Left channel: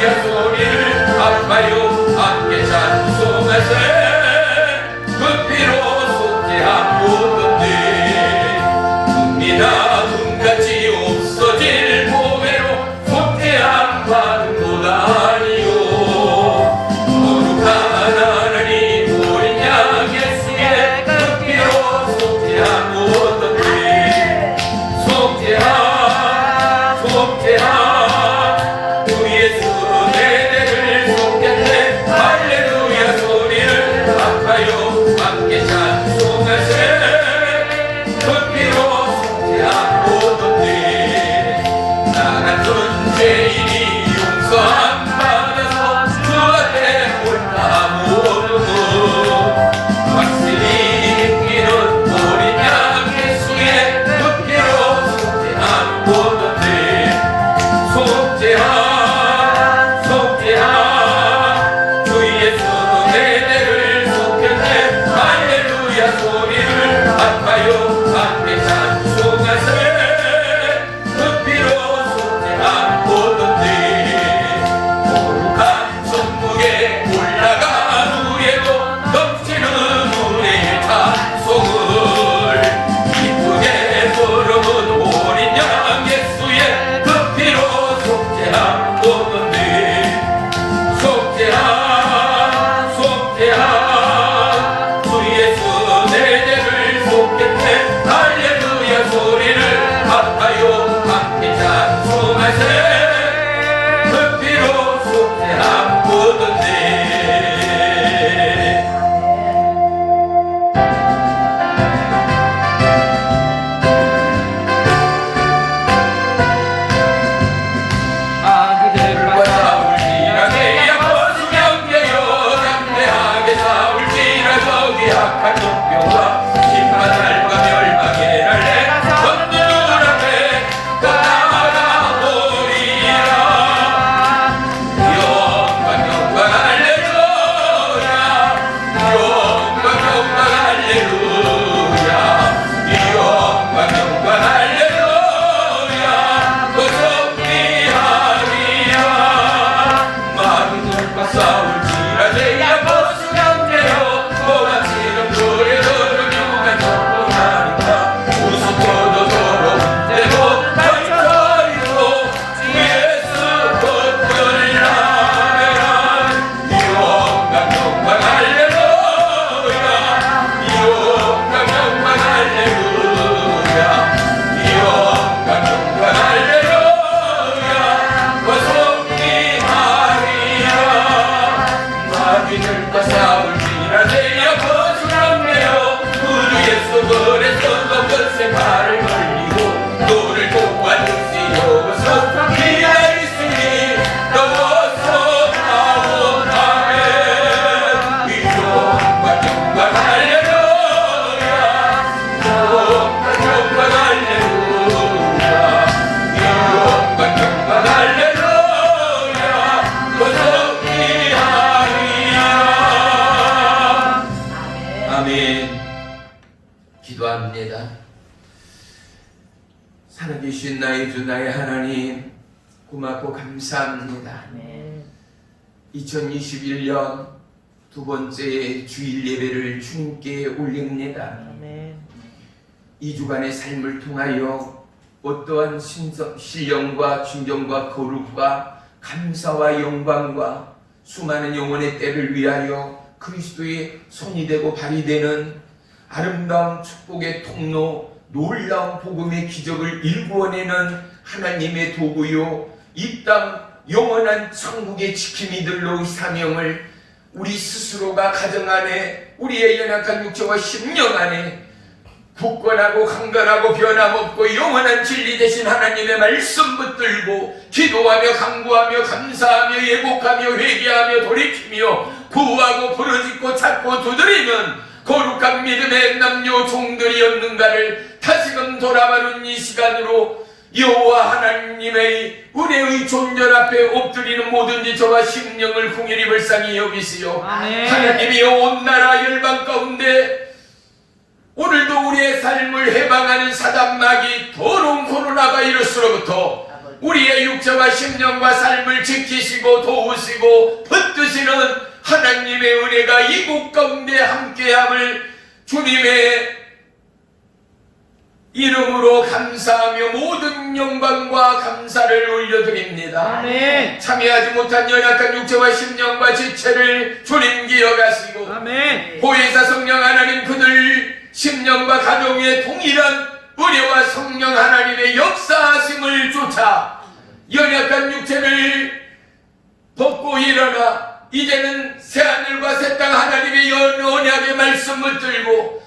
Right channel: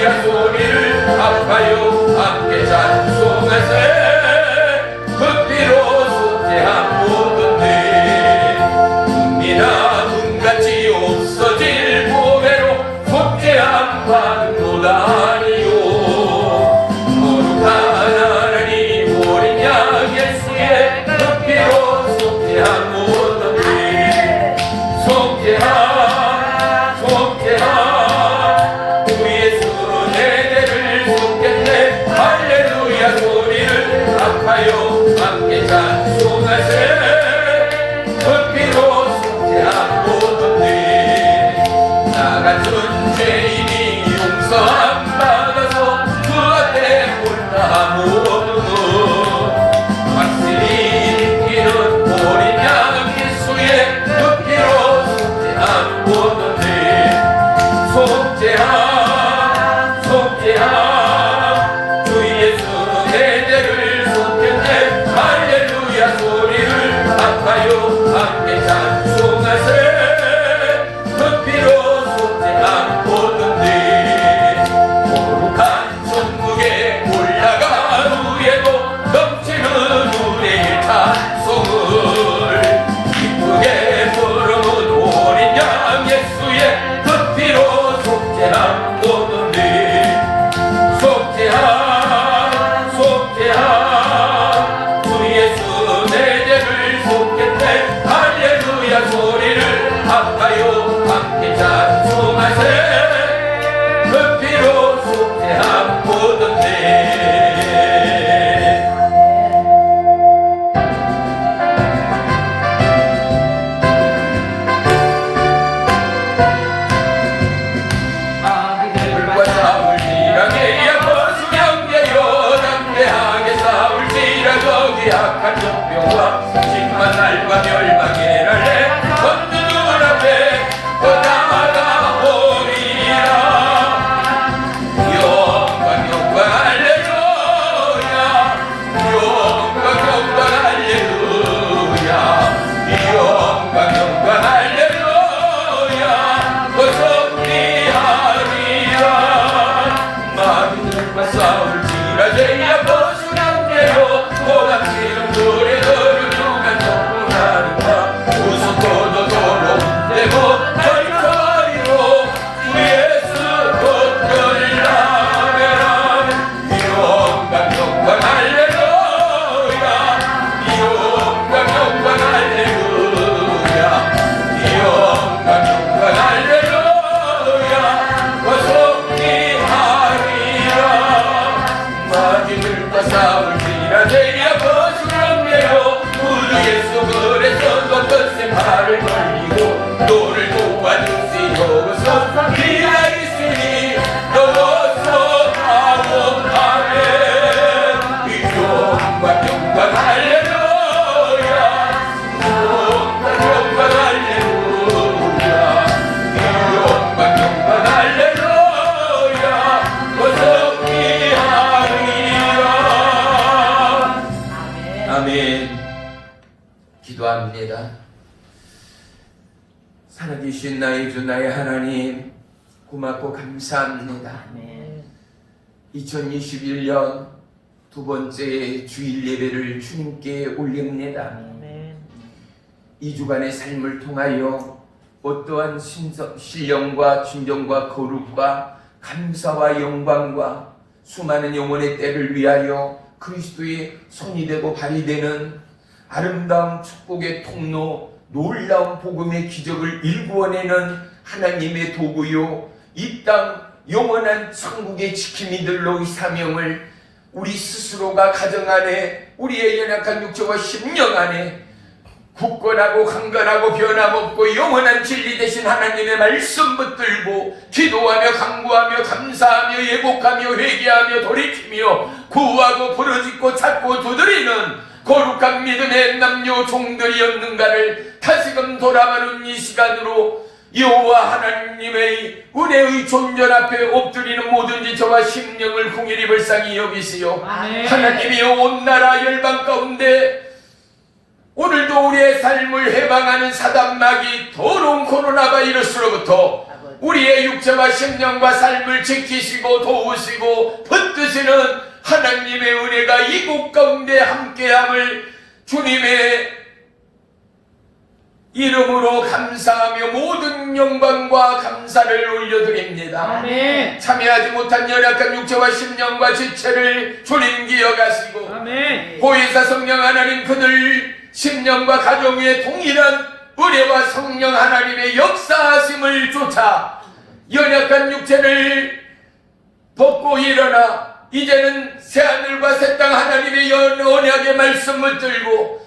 할렐루야 소리를 아파요 함께 찬송하세 그 피로 속죄한 모든 죄 눈이나 눈같이 없어질 보배로 속죄한 바는도다 아니요 거룩한 하나님 어린 양 예수의 그 피로 속죄한 모든 죄 속죄한 주 예수 내 죄를 속겠네 할렐루야 소리를 아파요 함께 찬송하세 그 피로 속죄한 모든 죄 나 같은 죄인이 용서함 받아서 주 앞에 올라 모르고 확실히 믿기는 어린 양 예수의 그 피로 속죄한 모든 죄 속죄한 주 예수 내 죄를 속겠네 할렐루야 소리를 아파요 함께 찬송하세 그 피로 속죄한 모든 죄 거룩한 천국에 올라간 후에도 넘치는 우리의 찬송을 기쁘게 부르는 어린 양 예수의 그 피로 속죄한 모든 죄 속죄한 주 예수 내 죄를 속겠네 할렐루야 소리를 아파요 함께 찬송하세 그 피로 속죄한 모든 죄 약한 종병과 심한 날과 멸망의 날에 건진 눈앞에 나아가 보리라 영광 할렐루야 영광 할렐루야 영광 할렐루야 거듭리하리라 많은 눈과 싸울지라 죄야 벗어났네요 고맙지는 노래를 유한 정보라니까 웃어도 좋은데 못할거리로 주 예수 벗걸라메라 영광 할렐루야 영광 할렐루야 영광 할렐루야 거듭리하리라 마귀들과 싸울지라 죄야 벗어났네요 우리 예수 그래서 넌것에 발을 벌리고 너를 도와주시오 서 기다리시니 너워서 나온 아멘 영광 할렐루야 영광 할렐루야 영광 할렐루야 거듭리하리라 아멘. 기도합니다. 살아계신 나의 주 나의 하나님 고맙고 감사합니다. 2021년 두 번째 주일 예배를 주님께 올립니다. 2주간의 삶을 통하여 어떠한 신령과 진정과 거룩과 감사와 영광과 수많은 영혼의 때를 위하여 그리스도의 손이 되고 발이 되는 아름다운 축복의 통로 놀라운 복음의 기적을 일구어내는 하나님의 도구요 이 땅 영원한 천국의 지킴이들로 이 사명을 우리 스스로가 가정 안에 우리의 연약한 육체와 심령 안에 굳건하고 강건하고 변함없고 영원한 진리 되신 하나님의 말씀 붙들고 기도하며 간구하며 감사하며 예복하며 회개하며 돌이키며 구하고 부르짖고 찾고 두드리는 거룩한 믿음의 남녀 종들이 없는가를 다시금 돌아보는 이 시간으로 여호와 하나님의 은혜의 존전 앞에 엎드리는 모든 저와 심령을 궁일이 불쌍히 여기시오. 하나님이 온 나라 열방 가운데 오늘도 우리의 삶을 해방하는 사단마귀 더러운 코로나 바이러스로부터 우리의 육체와 심령과 삶을 지키시고 도우시고 붙드시는 하나님의 은혜가 이곳 가운데 함께함을 주님의 이름으로 감사하며 모든 영광과 감사를 올려드립니다. 아멘. 참여하지 못한 연약한 육체와 심령과 지체를 주님 기억하시고 아멘. 보혜사 성령 하나님 그들 심령과 가정의 동일한 은혜와 성령 하나님의 역사하심을 쫓아 연약한 육체를 벗고 일어나 이제는 새하늘과 새 땅 하나님의 언약의 말씀을 들고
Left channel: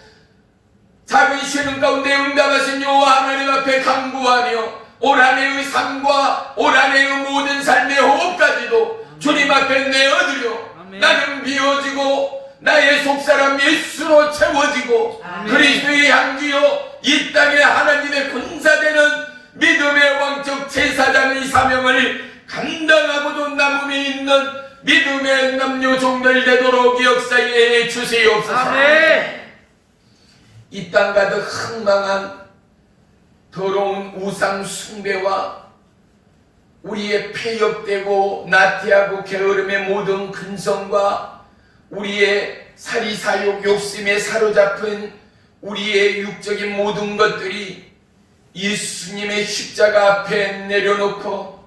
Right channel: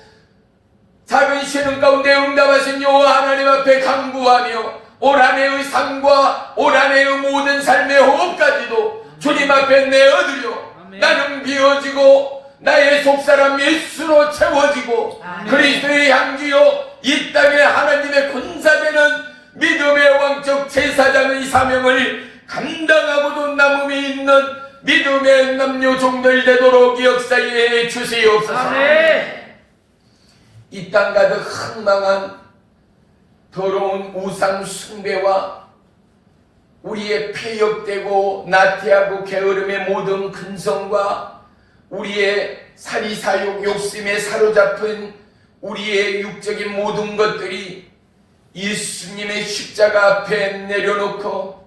작은 신음 가운데 응답하신 여호와 하나님 앞에 간구하며 올 한해의 삶과 올 한해의 모든 삶의 호흡까지도 주님 앞에 내어드려 나는 비워지고 나의 속사람 예수로 채워지고 그리스도의 향기요 이 땅에 하나님의 군사되는 믿음의 왕적 제사장의 사명을 감당하고도 남음에 있는 믿음의 남녀 종들 되도록 역사에 주시옵소서. 아멘. 이 땅 가득 흥망한 더러운 우상 숭배와 우리의 폐역되고 나태하고 게으름의 모든 근성과 우리의 사리사욕 욕심에 사로잡힌 우리의 육적인 모든 것들이 예수님의 십자가 앞에 내려놓고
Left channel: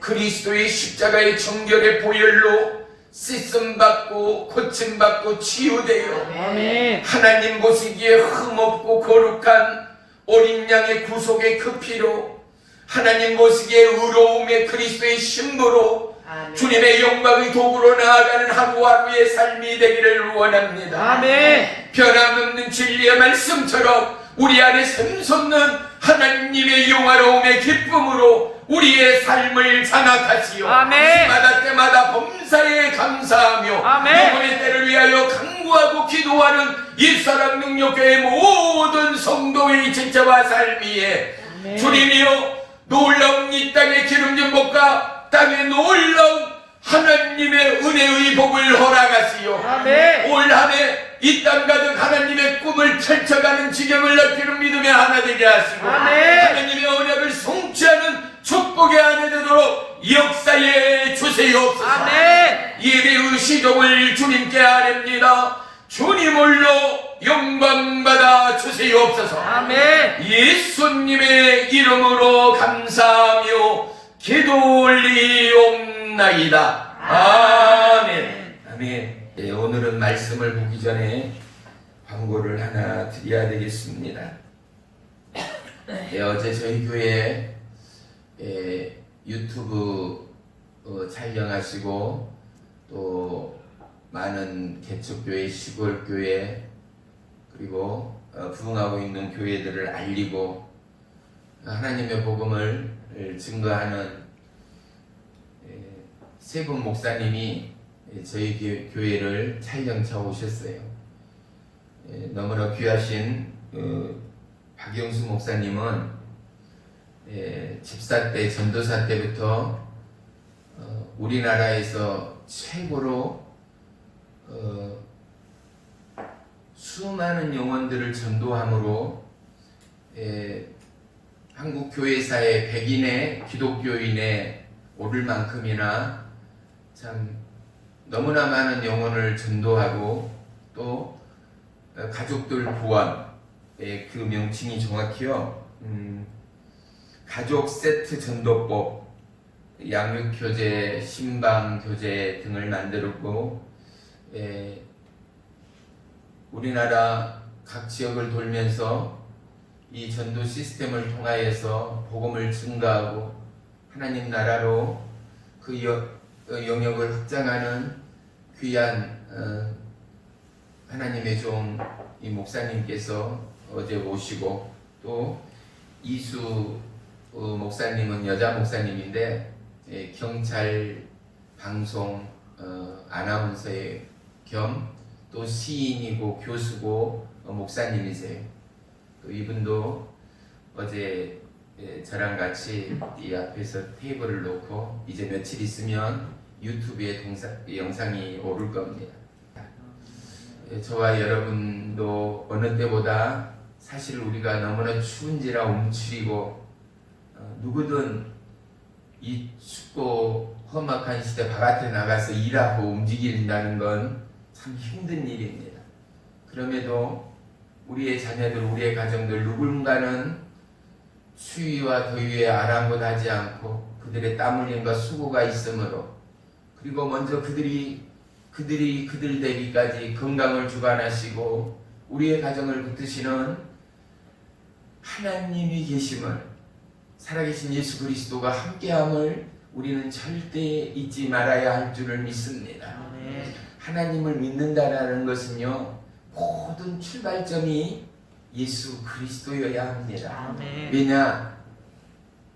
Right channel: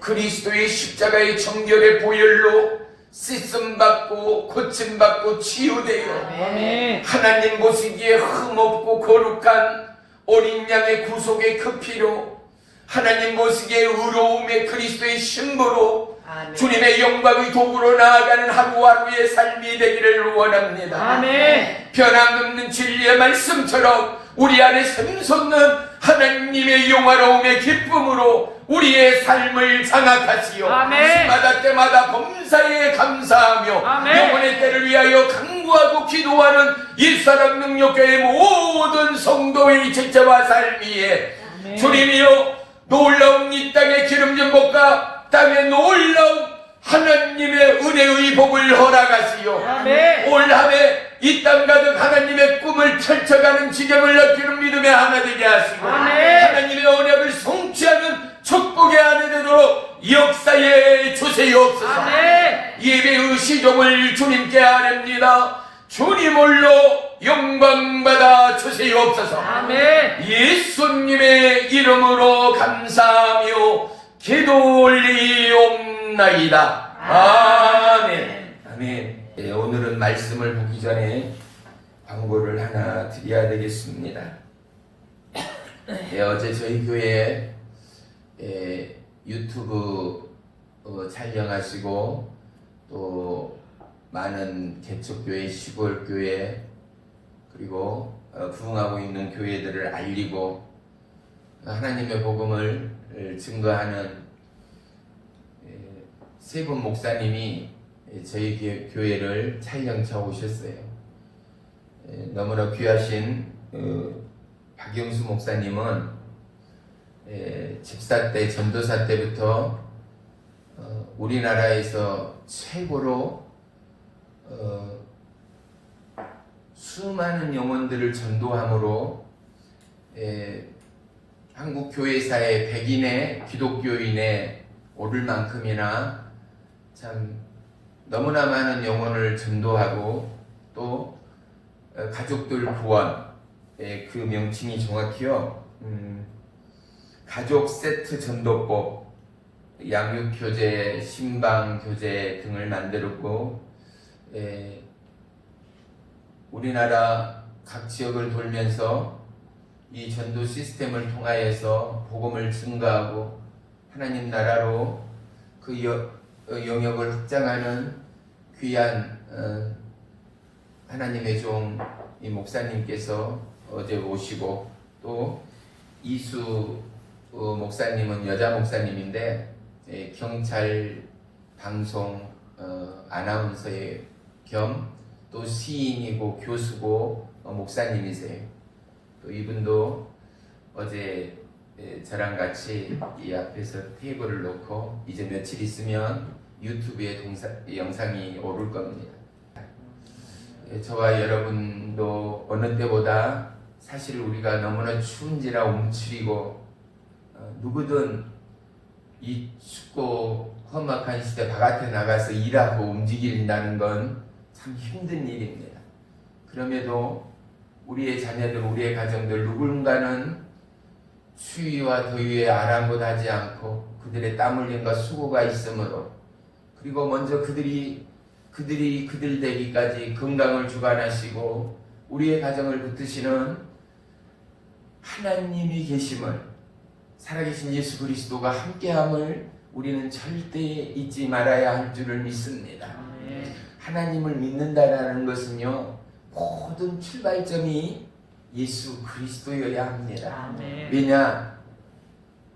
그리스도의 십자가의 정결의 보혈로 씻음받고 고침받고 치유되어 아멘. 하나님 보시기에 흠없고 거룩한 어린 양의 구속의 그 피로 하나님 보시기에 의로움의 그리스도의 신부로 주님의 영광의 도구로 나아가는 하루하루의 삶이 되기를 원합니다. 아멘. 변함없는 진리의 말씀처럼 우리 안에 샘솟는 하나님의 영화로움의 기쁨으로 우리의 삶을 장악하시오. 아멘. 시마다 때마다 범사에 감사하며 아멘. 영혼의 때를 위하여 간구하고 기도하는 일사랑 능력교회의 모든 성도의 지체와 삶 위에 아멘. 주님이여 놀라운 이 땅의 기름진 복과 땅의 놀라운 하나님의 은혜의 복을 허락하시오. 아멘. 올 한해 이 땅 가득 하나님의 꿈을 펼쳐가는 지경을 넓히는 믿음의 하나 되게 하시고 아멘. 하나님의 언약을 성취하는 축복의 하나 되도록 역사에 주시옵소서. 아멘. 예배의 시종을 주님께 아뢰옵니다. 주님 홀로 영광받아 주시옵소서. 아멘. 예수님의 이름으로 감사하며 기도 올리옵나이다. 아멘. 아멘. 네, 오늘은 말씀을 보기 전에 광고를 하나 드려야 되겠습니다. 네, 어제 저희 교회 유튜브 촬영하시고 또 많은 개척교회, 시골교회 그리고 부흥하고 있는 교회들을 알리고 하나님의 복음을 증거하는 세 분 목사님이 저희 교회를 촬영차 오셨어요. 너무나 귀하신 박영수 목사님은 집사 때, 전도사 때부터 우리나라에서 최고로 수많은 영혼들을 전도함으로 한국 교회사의 백인의 기독교인에 오를 만큼이나 참 너무나 많은 영혼을 전도하고 또 가족들 구원, 그 명칭이 정확히요. 가족 세트 전도법, 양육교재, 신방교재 등을 만들었고 우리나라 각 지역을 돌면서 이 전도 시스템을 통하여서 복음을 증가하고 하나님 나라로 그 영역을 확장하는 귀한 하나님의 종 이 목사님께서 어제 오시고 또 이수 목사님은 여자 목사님인데 경찰 방송 아나운서의 겸 또 시인이고 교수고 목사님이세요. 이분도 어제 저랑 같이 이 앞에서 테이블을 놓고 이제 며칠 있으면 유튜브에 영상이 오를 겁니다. 저와 여러분도 어느 때보다 사실 우리가 너무나 추운지라 움츠리고 누구든 이 춥고 험악한 시대 바깥에 나가서 일하고 움직인다는 건 참 힘든 일입니다. 그럼에도 우리의 자녀들, 우리의 가정들 누군가는 추위와 더위에 아랑곳하지 않고 그들의 땀 흘림과 수고가 있으므로, 그리고 먼저 그들이 그들 되기까지 건강을 주관하시고 우리의 가정을 붙드시는 하나님이 계심을, 살아계신 예수 그리스도가 함께함을 우리는 절대 잊지 말아야 할 줄을 믿습니다. 하나님을 믿는다는 것은요, 모든 출발점이 예수 그리스도여야 합니다. 왜냐?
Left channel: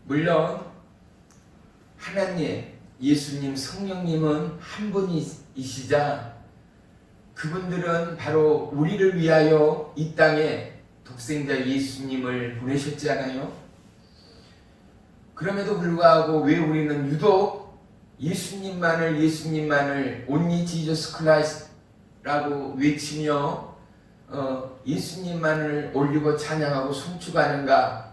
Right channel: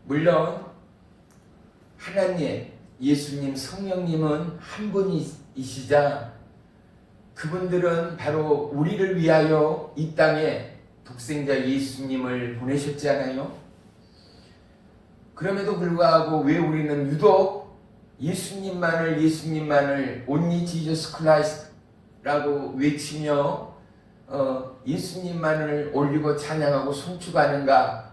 물론 하나님, 예수님, 성령님은 한 분이시자 그분들은 바로 우리를 위하여 이 땅에 독생자 예수님을 보내셨잖아요. 그럼에도 불구하고 왜 우리는 유독 예수님만을 only Jesus Christ라고 외치며 예수님만을 올리고 찬양하고 송축하는가?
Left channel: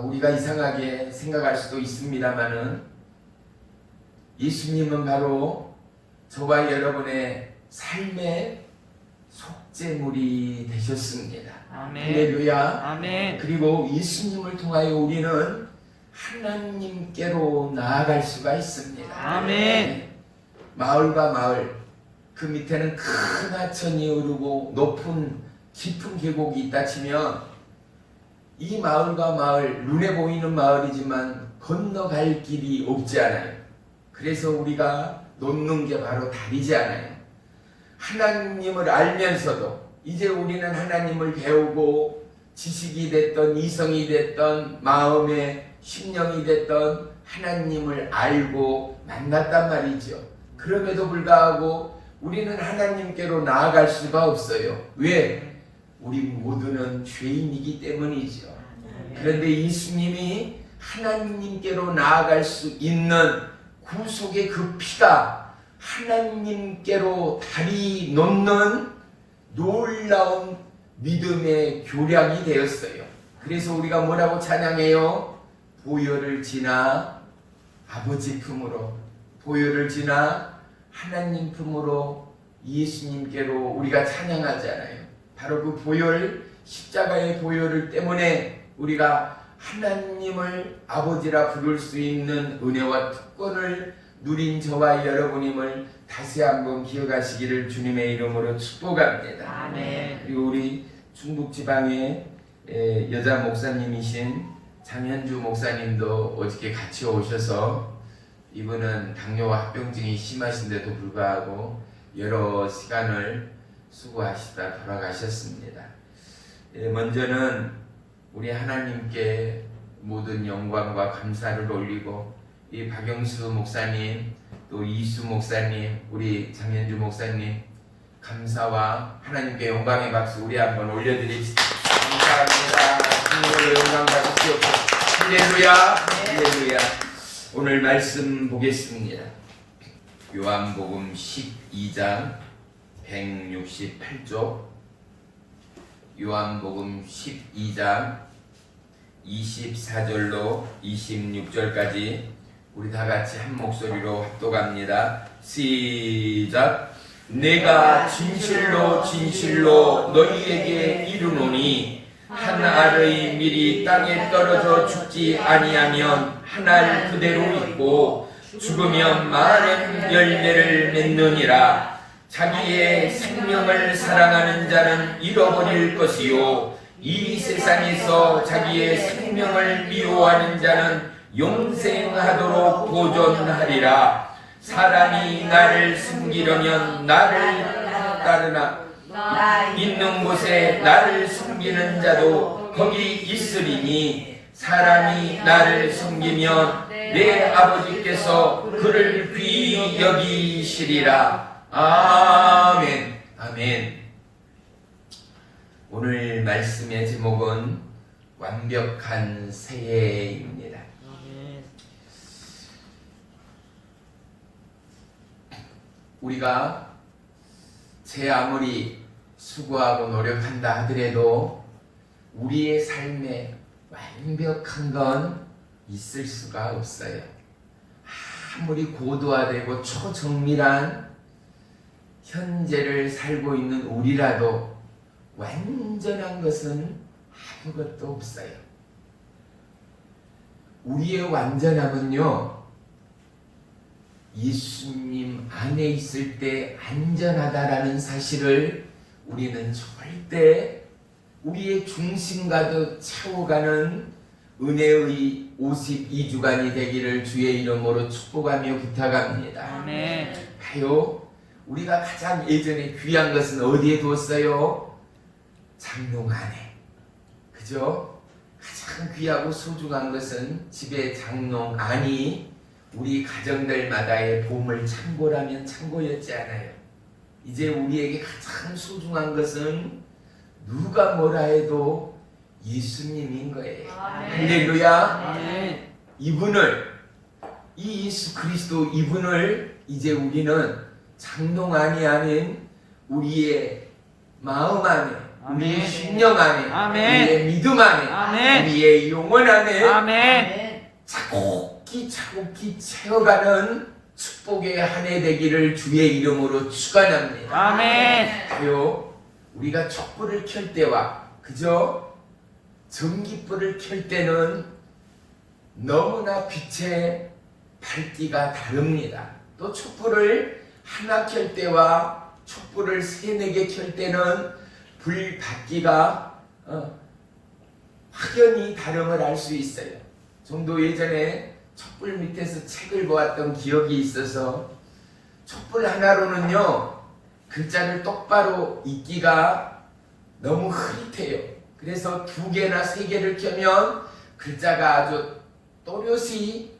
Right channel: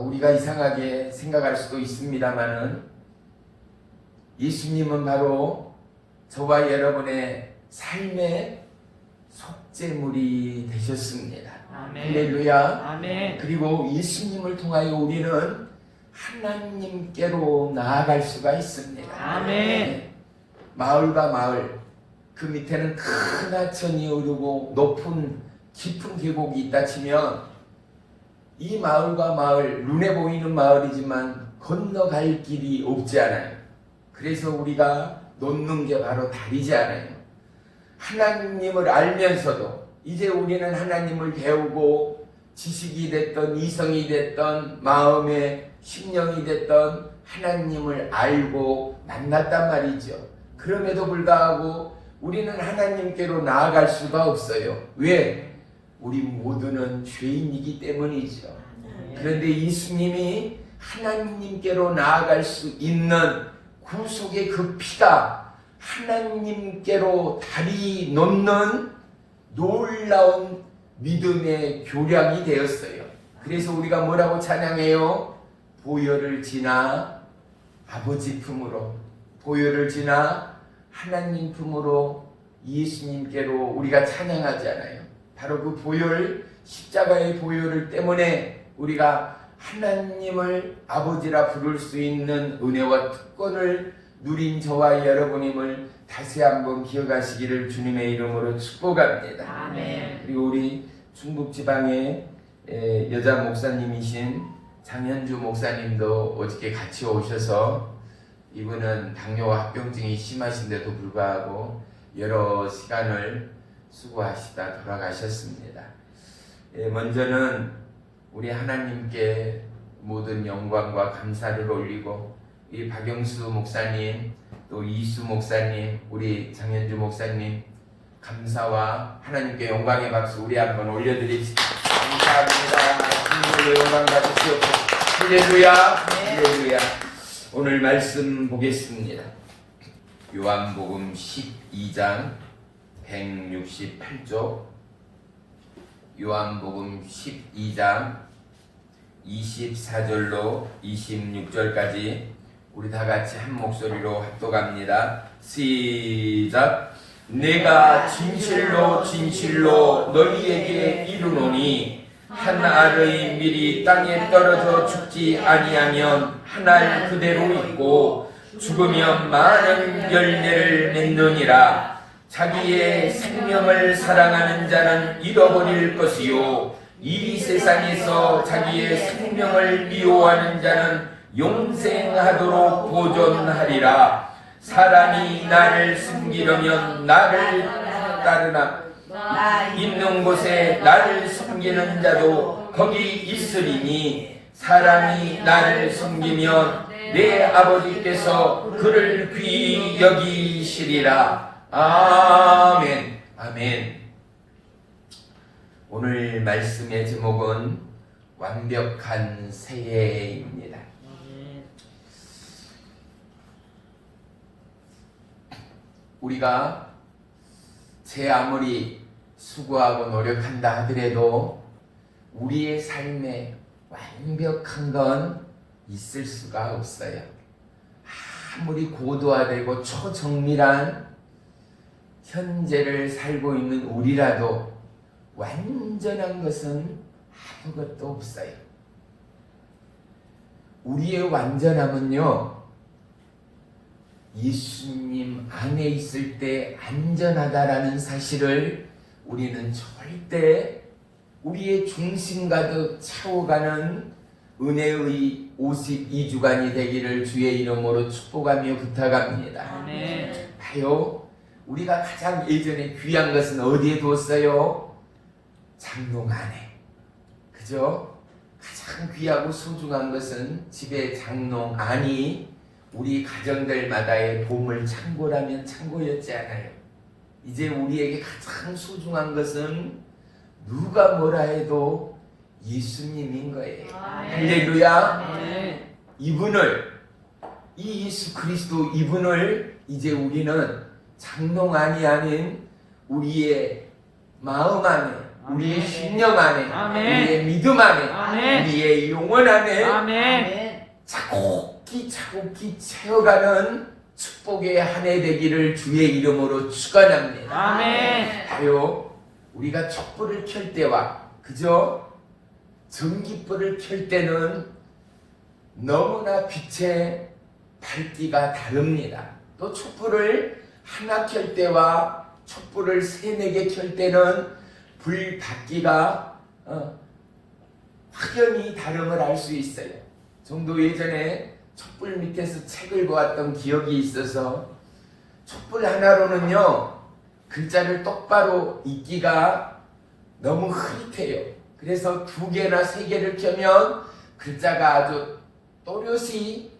우리가 이상하게 생각할 수도 있습니다만은 예수님은 바로 저와 여러분의 삶의 속죄물이 되셨습니다. 할렐루야. 아멘. 그리고 예수님을 통하여 우리는 하나님께로 나아갈 수가 있습니다. 아멘. 마을과 마을, 그 밑에는 큰 하천이 흐르고 높은 깊은 계곡이 있다 치면 이 마을과 마을, 눈에 보이는 마을이지만 건너갈 길이 없지 않아요. 그래서 우리가 놓는 게 바로 다리지 않아요. 하나님을 알면서도 이제 우리는 하나님을 배우고 지식이 됐던 이성이 됐던 마음의 심령이 됐던 하나님을 알고 만났단 말이죠. 그럼에도 불구하고 우리는 하나님께로 나아갈 수가 없어요. 왜? 우리 모두는 죄인이기 때문이죠. 그런데 예수님이 하나님께로 나아갈 수 있는 구속의 그 피가 하나님께로 다리 놓는 놀라운 믿음의 교량이 되었어요. 그래서 우리가 뭐라고 찬양해요? 보혈을 지나 아버지 품으로, 보혈을 지나 하나님 품으로 예수님께로 우리가 찬양하잖아요. 바로 그 보혈, 십자가의 보혈을 때문에 우리가 하나님을 아버지라 부를 수 있는 은혜와 특권을 누린 저와 여러분임을 다시 한번 기억하시기를 주님의 이름으로 축복합니다. 아멘. 그리고 우리 중국 지방의 여자 목사님이신 장현주 목사님도 어저께 같이 오셔서, 이분은 당뇨와 합병증이 심하신데도 불구하고 여러 시간을 수고하시다 돌아가셨습니다. 먼저는 우리 하나님께 모든 영광과 감사를 올리고, 이 박영수 목사님, 또 이수 목사님, 우리 장현주 목사님, 감사와 하나님께 영광의 박수 우리 한번 올려드립시다. 감사합니다. 주님으로 영광 받으시옵소서. 할렐루야. 할렐루야. 오늘 말씀 보겠습니다. 요한복음 12장 168조, 요한복음 12장 24절로 26절까지 우리 다 같이 한 목소리로 합독합니다. 시작. 내가 진실로 진실로 너희에게 이르노니 한 알의 밀이 땅에 떨어져 죽지 아니하면 한 알 그대로 있고 죽으면 많은 열매를 맺느니라. 자기의 생명을 사랑하는 자는 잃어버릴 것이요 이 세상에서 자기의 생명을 미워하는 자는 영생하도록 보존하리라. 사람이 나를 숨기려면 나를 따르나 있는 곳에 나를 숨기는 자도 거기 있으리니, 사람이 나를 숨기면 내 아버지께서 그를 귀히 여기시리라. 아멘. 아멘. 오늘 말씀의 제목은 완벽한 새해입니다. 우리가 제 아무리 수고하고 노력한다 하더라도 우리의 삶에 완벽한 건 있을 수가 없어요. 아무리 고도화되고 초정밀한 현재를 살고 있는 우리라도 완전한 것은 아무것도 없어요. 우리의 완전함은요, 예수님 안에 있을 때 안전하다라는 사실을 우리는 절대 우리의 중심 가득 채워가는 은혜의 52주간이 되기를 주의 이름으로 축복하며 부탁합니다. 아멘. 봐요, 우리가 가장 예전에 귀한 것은 어디에 두었어요? 장롱 안에. 그죠? 가장 귀하고 소중한 것은 집의 장롱 안이 우리 가정들마다의 보물 창고라면 창고였지 않아요. 이제 우리에게 가장 소중한 것은 누가 뭐라 해도 예수님인 거예요. 할렐루야. 아멘. 이분을, 이 예수 그리스도 이분을 이제 우리는 장롱 안이 아닌 우리의 마음 안에, 우리의 아멘. 심령 안에, 아멘. 우리의 믿음 안에, 아멘. 우리의 영혼 안에 아멘. 차곡히 채워가는 축복의 한 해 되기를 주의 이름으로 축원합니다. 아멘. 봐요, 우리가 촛불을 켤 때와 그저 전기불을 켤 때는 너무나 빛의 밝기가 다릅니다. 또 촛불을 하나 켤 때와 촛불을 3-4개 켤 때는 불 밝기가 확연히 다름을 알 수 있어요. 정도 예전에 촛불 밑에서 책을 보았던 기억이 있어서 촛불 하나로는요 글자를 똑바로 읽기가 너무 흐릿해요. 그래서 2개나 3개를 켜면 글자가 아주 또렷이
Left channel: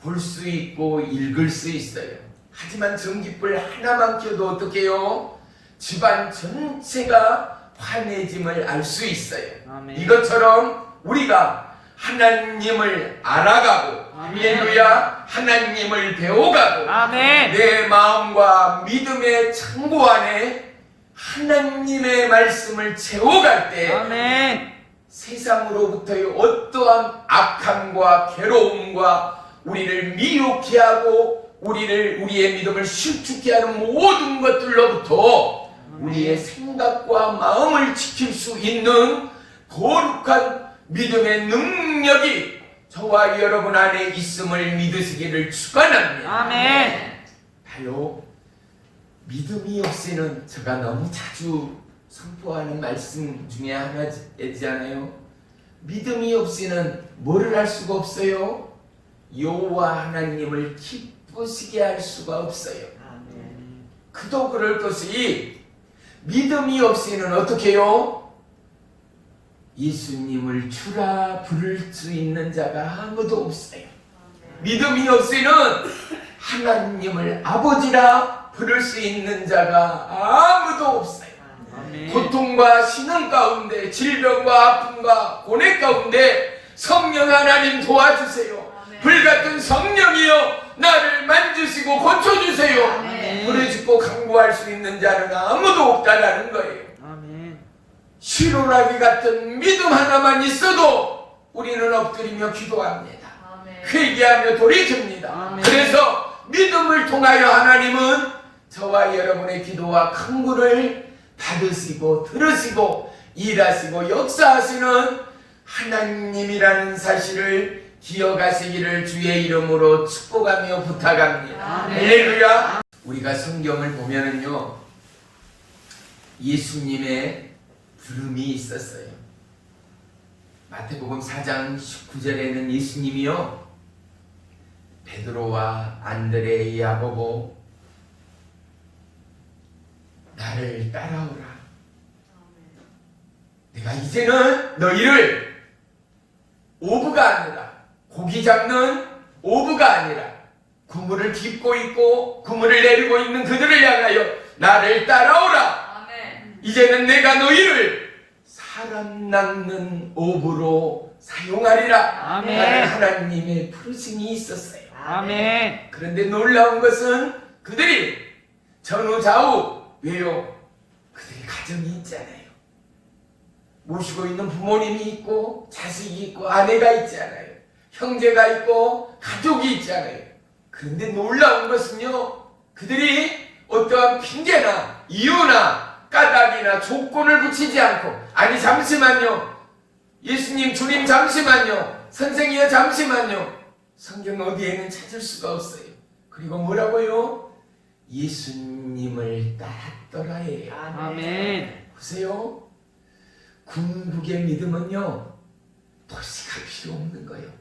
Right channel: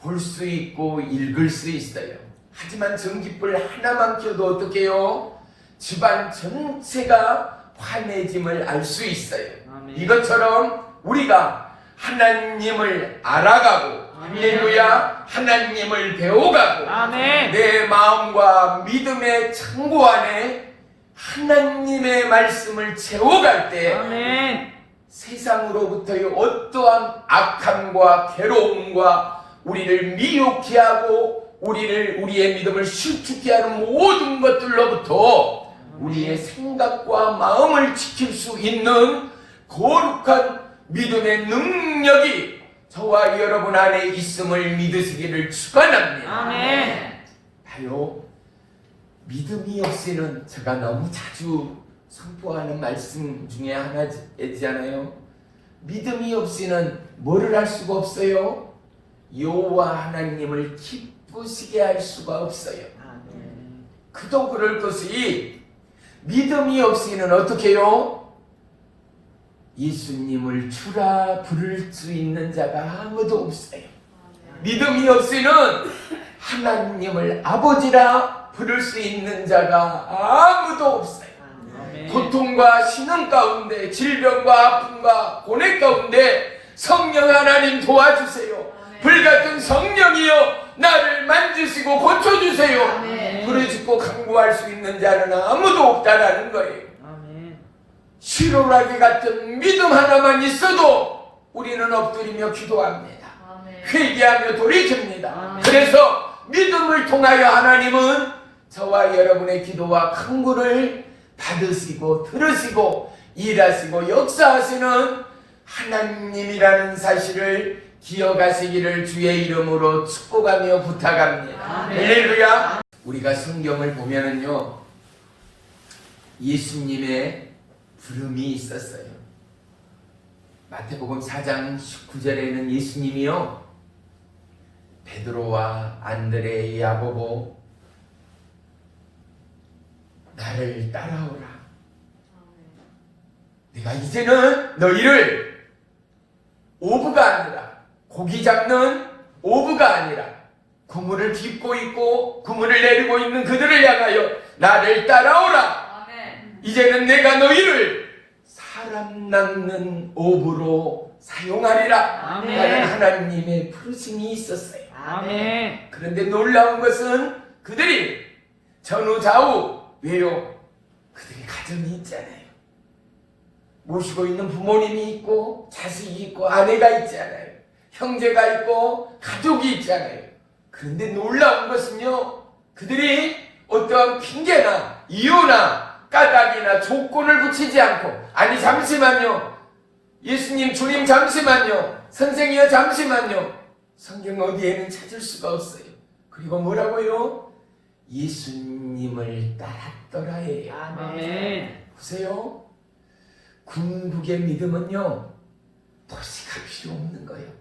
볼 수 있고 읽을 수 있어요. 하지만 전기불 하나만 켜도 어떻게 해요? 집안 전체가 환해짐을 알 수 있어요. 아멘. 이것처럼 우리가 하나님을 알아가고 할렐루야, 하나님을 배워가고 아멘. 내 마음과 믿음의 창고 안에 하나님의 말씀을 채워갈 때 아멘. 세상으로부터의 어떠한 악함과 괴로움과 우리를 미혹해 하고 우리의 믿음을 실축해 하는 모든 것들로부터 우리의 생각과 마음을 지킬 수 있는 거룩한 믿음의 능력이 저와 여러분 안에 있음을 믿으시기를 축원합니다. 아멘. 봐요, 믿음이 없이는 제가 너무 자주 선포하는 말씀 중에 하나잖아요. 믿음이 없이는 뭐를 할 수가 없어요? 여호와 하나님을 기쁘시게 할 수가 없어요. 아멘. 그도 그럴 것이 믿음이 없이는 어떻게 해요? 예수님을 주라 부를 수 있는 자가 아무도 없어요. 믿음이 없이는 하나님을 아버지라 부를 수 있는 자가 아무도 없어요. 아멘. 고통과 신음 가운데, 질병과 아픔과 고뇌 가운데 성령 하나님 도와주세요. 불같은 성령이여 나를 만지시고 고쳐주세요. 아멘. 부르짖고 간구할 수 있는 자는 아무도 없다라는 거예요. 아멘. 시로라기 같은 믿음 하나만 있어도 우리는 엎드리며 기도합니다. 회개하며 돌이킵니다. 아멘. 그래서 믿음을 통하여 하나님은 저와 여러분의 기도와 간구를 받으시고 들으시고 일하시고 역사하시는 하나님이라는 사실을 기억하시기를 주의 이름으로 축복하며 부탁합니다. 아멘. 할렐루야. 우리가 성경을 보면은요 예수님의 부름이 있었어요. 마태복음 4장 19절에는 예수님이요 베드로와 안드레, 야고보 나를 따라오라. 내가 이제는 너희를 오브가 아니라 고기 잡는 오브가 아니라 구물을 깁고 있고 구물을 내리고 있는 그들을 향하여 나를 따라오라. 이제는 내가 너희를 사람 낚는 오브로 사용하리라. 아멘. 하나님의 부르심이 있었어요. 아멘. 그런데 놀라운 것은 그들이 전후 좌우 왜요? 그들이 가정이 있잖아요. 모시고 있는 부모님이 있고 자식이 있고 아내가 있잖아요. 형제가 있고 가족이 있잖아요. 그런데 놀라운 것은요, 그들이 어떠한 핑계나 이유나 까닭이나 조건을 붙이지 않고, 아니 잠시만요, 예수님 주님 잠시만요, 선생이여 잠시만요, 성경 어디에는 찾을 수가 없어요. 그리고 뭐라고요? 예수님을 따랐더라 해요. 아멘. 보세요, 궁극의 믿음은요, 도시가 필요 없는 거예요.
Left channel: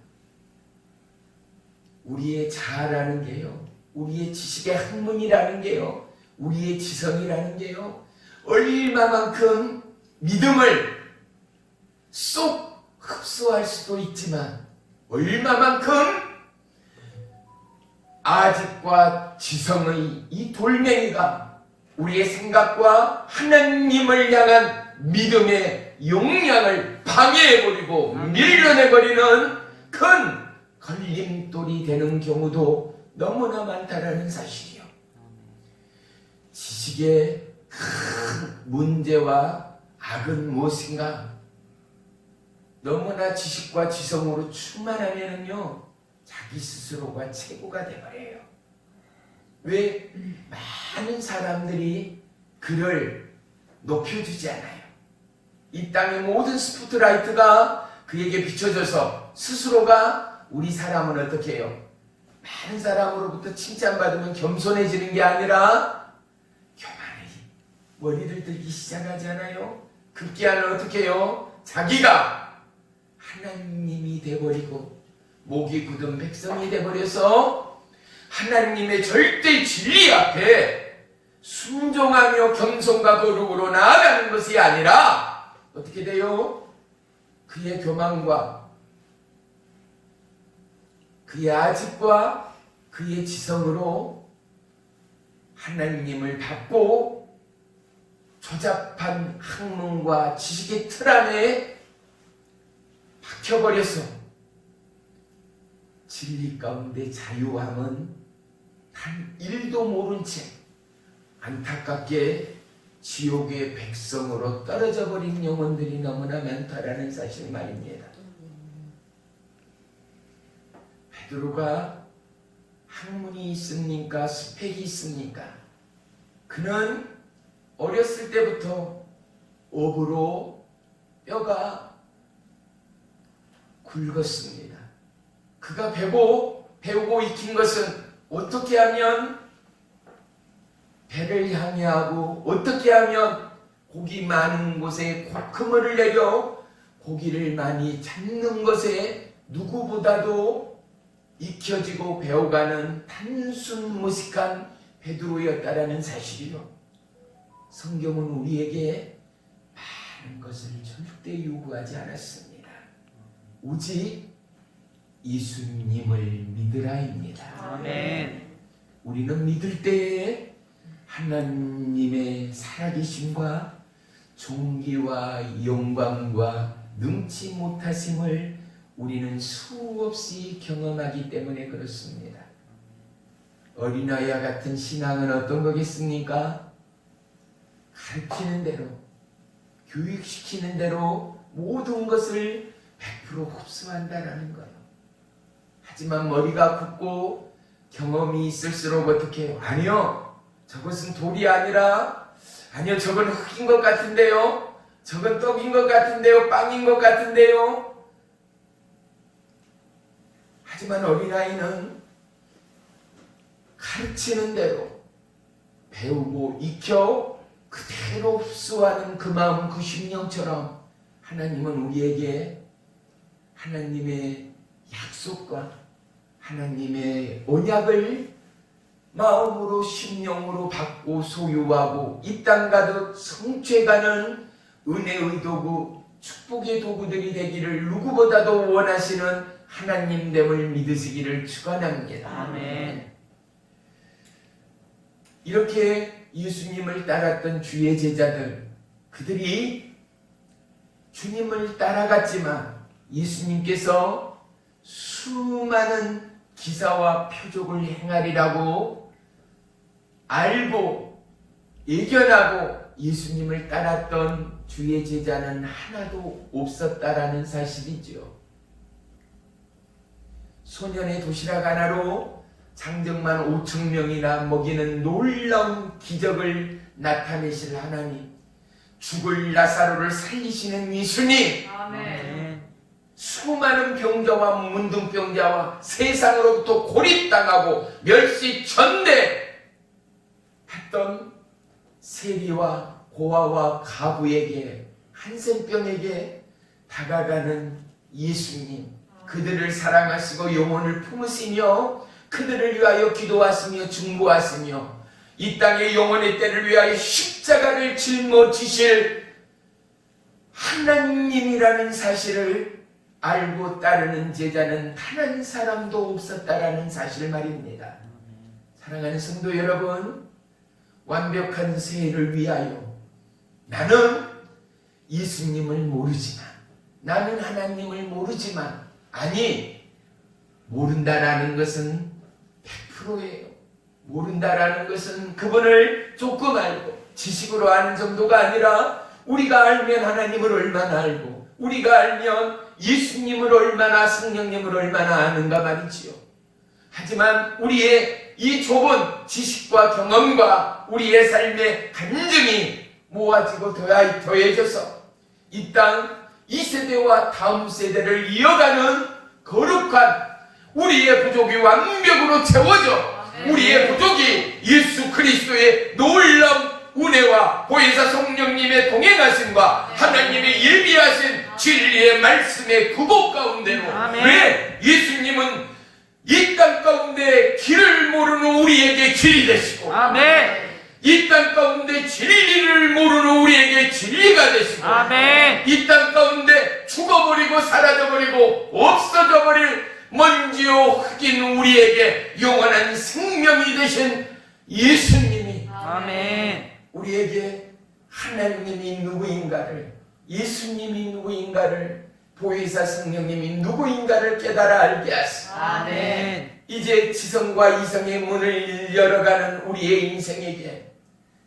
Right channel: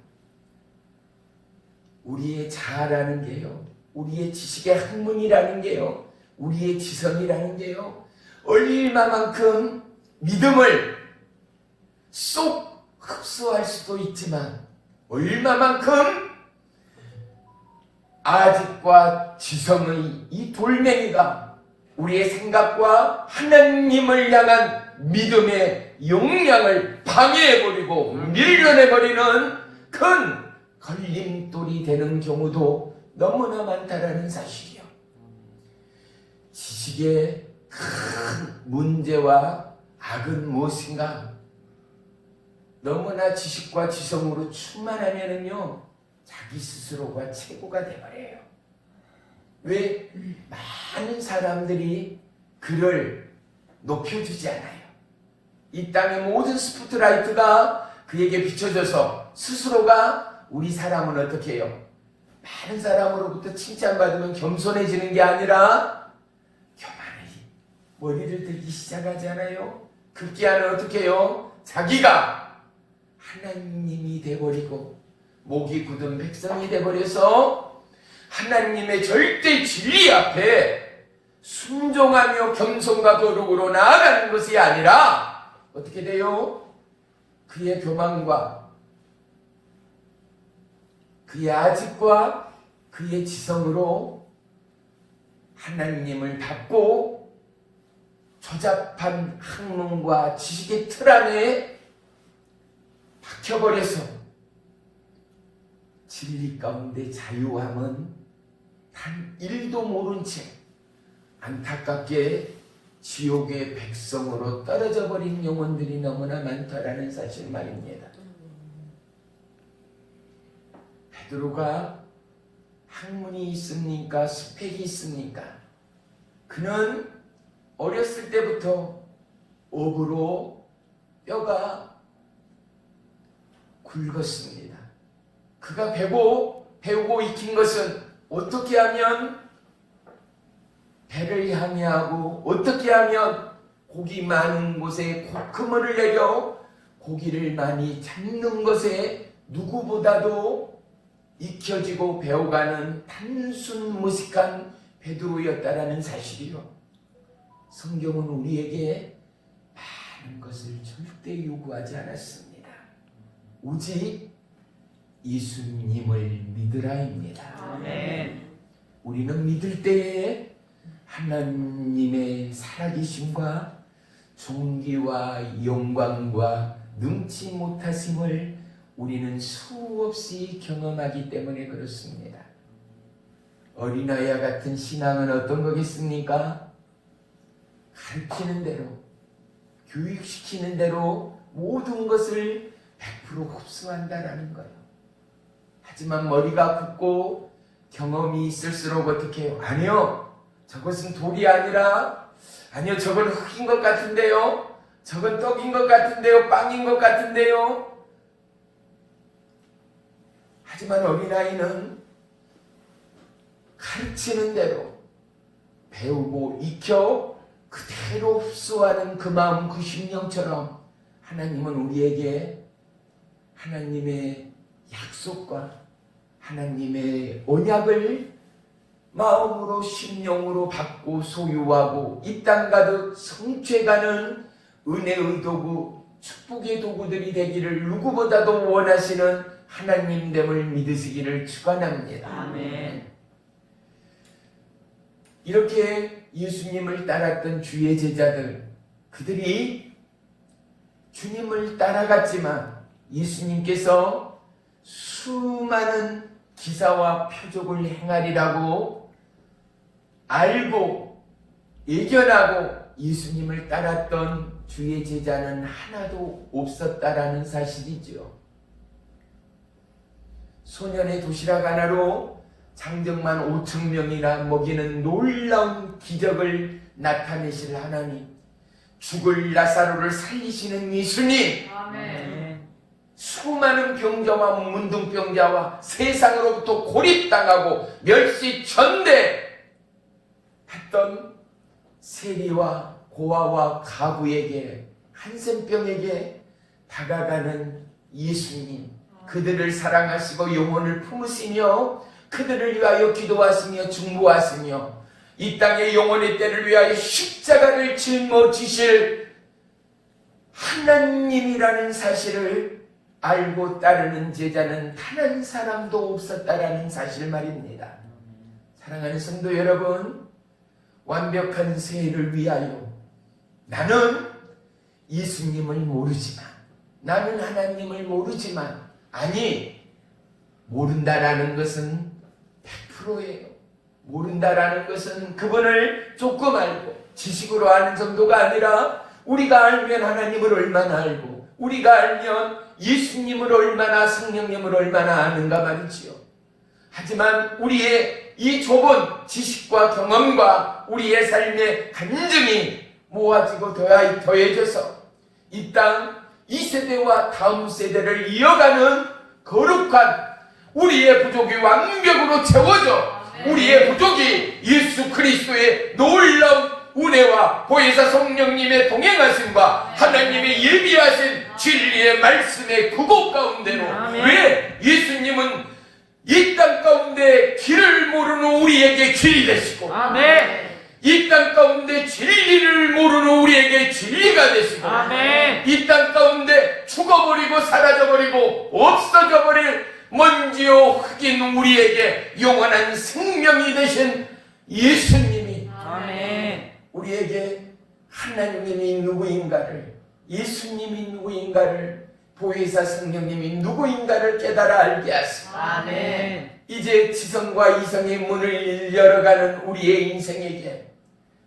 우리의 자아라는 게요, 우리의 지식의 학문이라는 게요, 우리의 지성이라는 게요, 얼마만큼 믿음을 쏙 흡수할 수도 있지만 얼마만큼 아직과 지성의 이 돌멩이가 우리의 생각과 하나님을 향한 믿음의 용량을 방해해버리고 밀려내버리는 큰 걸림돌이 되는 경우도 너무나 많다라는 사실이요. 지식의 큰 문제와 악은 무엇인가? 너무나 지식과 지성으로 충만하면은요, 자기 스스로가 최고가 돼버려요. 왜? 많은 사람들이 그를 높여주지 않아요. 이 땅의 모든 스포트라이트가 그에게 비춰져서 스스로가, 우리 사람은 어떻게 해요? 많은 사람으로부터 칭찬받으면 겸손해지는 게 아니라 교만하게 머리를 들기 시작하잖아요. 급기야는 어떻게 해요? 자기가 하나님이 돼버리고 목이 굳은 백성이 돼버려서 하나님의 절대 진리 앞에 순종하며 겸손과 거룩으로 나아가는 것이 아니라 어떻게 돼요? 그의 교만과 그의 아집과 그의 지성으로 하나님을 받고 조잡한 학문과 지식의 틀 안에 박혀버려서 진리 가운데 자유함은 단 1도 모른 채 안타깝게 지옥의 백성으로 떨어져 버린 영혼들이 너무나 많다라는 사실 말입니다. 베드로가 학문이 있습니까? 스펙이 있습니까? 그는 어렸을 때부터 업으로 뼈가 굵었습니다. 그가 배우고 익힌 것은 어떻게 하면 배를 향해하고 어떻게 하면 고기 많은 곳에 그물을 내려 고기를 많이 잡는 것에 누구보다도 익혀지고 배워가는 단순 무식한 베드로였다라는 사실이요. 성경은 우리에게 많은 것을 절대 요구하지 않았습니다. 오직 예수님을 믿으라입니다. 아멘. 우리는 믿을 때에 하나님의 살아계심과 존귀와 영광과 능치 못하심을 우리는 수없이 경험하기 때문에 그렇습니다. 어린아이와 같은 신앙은 어떤 거겠습니까? 가르치는 대로, 교육시키는 대로 모든 것을 100% 흡수한다라는 거예요. 하지만 머리가 굳고 경험이 있을수록 어떻게 해요? 아니요, 저것은 돌이 아니라, 아니요, 저건 흙인 것 같은데요, 저건 떡인 것 같은데요, 빵인 것 같은데요. 하지만 어린아이는 가르치는 대로 배우고 익혀 그대로 흡수하는 그 마음, 그 심령처럼 하나님은 우리에게 하나님의 약속과 하나님의 언약을 마음으로 심령으로 받고 소유하고 이 땅 가득 성취해가는 은혜의 도구, 축복의 도구들이 되기를 누구보다도 원하시는 하나님됨을 믿으시기를 축원합니다. 아멘. 이렇게 예수님을 따랐던 주의 제자들, 그들이 주님을 따라갔지만 예수님께서 수많은 기사와 표적을 행하리라고 알고 예견하고 예수님을 따랐던 주의 제자는 하나도 없었다라는 사실이죠. 소년의 도시락 하나로 장정만 5천 명이나 먹이는 놀라운 기적을 나타내실 하나님, 죽을 나사로를 살리시는 예수님, 아멘. 수많은 병자와 문둥병자와 세상으로부터 고립당하고 멸시 전대했던 세리와 고아와 가부에게, 한센병에게 다가가는 예수님, 그들을 사랑하시고 영혼을 품으시며 그들을 위하여 기도하시며 중보하시며 이 땅의 영혼의 때를 위하여 십자가를 짊어지실 하나님이라는 사실을 알고 따르는 제자는 단 한 사람도 없었다라는 사실 말입니다. 사랑하는 성도 여러분, 완벽한 세를 위하여 나는 예수님을 모르지만, 나는 하나님을 모르지만, 아니, 모른다라는 것은 100%예요. 모른다라는 것은 그분을 조금 알고 지식으로 아는 정도가 아니라, 우리가 알면 하나님을 얼마나 알고, 우리가 알면 예수님을 얼마나, 성령님을 얼마나 아는가 말이지요. 하지만 우리의 이 좁은 지식과 경험과 우리의 삶의 간증이 모아지고 더해져서 이 땅, 이 세대와 다음 세대를 이어가는 거룩한 우리의 부족이 완벽으로 채워져 우리의 부족이 예수 그리스도의 놀라운 은혜와 보혜사 성령님의 동행하심과 하나님의 예비하신 진리의 말씀의 구복 가운데로, 왜 예수님은 이 땅 가운데 길을 모르는 우리에게 길이 되시고, 아멘. 이 땅 가운데 진리를 모르는 우리에게 진리가 되시고, 아멘. 이 땅 가운데 죽어버리고 사라져버리고 없어져버릴 먼지요 흙인 우리에게 영원한 생명이 되신 예수님이, 아멘. 우리에게 하나님이 누구인가를, 예수님이 누구인가를, 보혜사 성령님이 누구인가를 깨달아 알게 하시고, 아멘. 이제 지성과 이성의 문을 열어가는 우리의 인생에게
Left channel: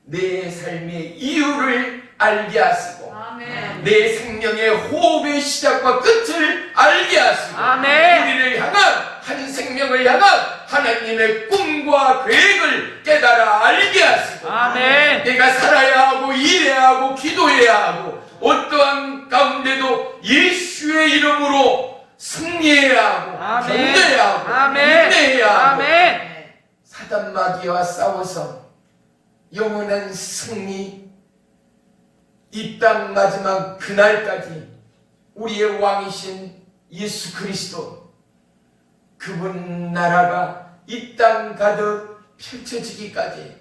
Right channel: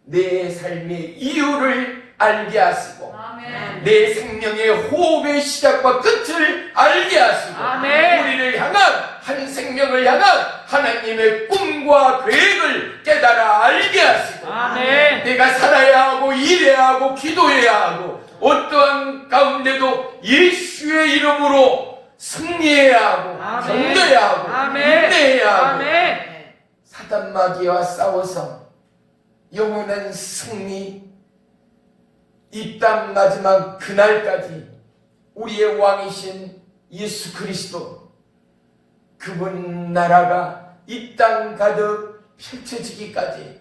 내 삶의 이유를 알게 하시고, 아멘. 내 생명의 호흡의 시작과 끝을 알게 하시고, 아멘. 우리를 향한, 한 생명을 향한 하나님의 꿈과 계획을 깨달아 알게 하시고, 아멘. 내가 살아야 하고 일해야 하고 기도해야 하고 어떠한 가운데도 예수의 이름으로 승리해야 하고 아멘. 견뎌야 하고 아멘. 인내해야 하고 아멘. 사단 마귀와 싸워서 영원한 승리, 이 땅 마지막 그날까지 우리의 왕이신 예수 그리스도, 그분 나라가 이 땅 가득 펼쳐지기까지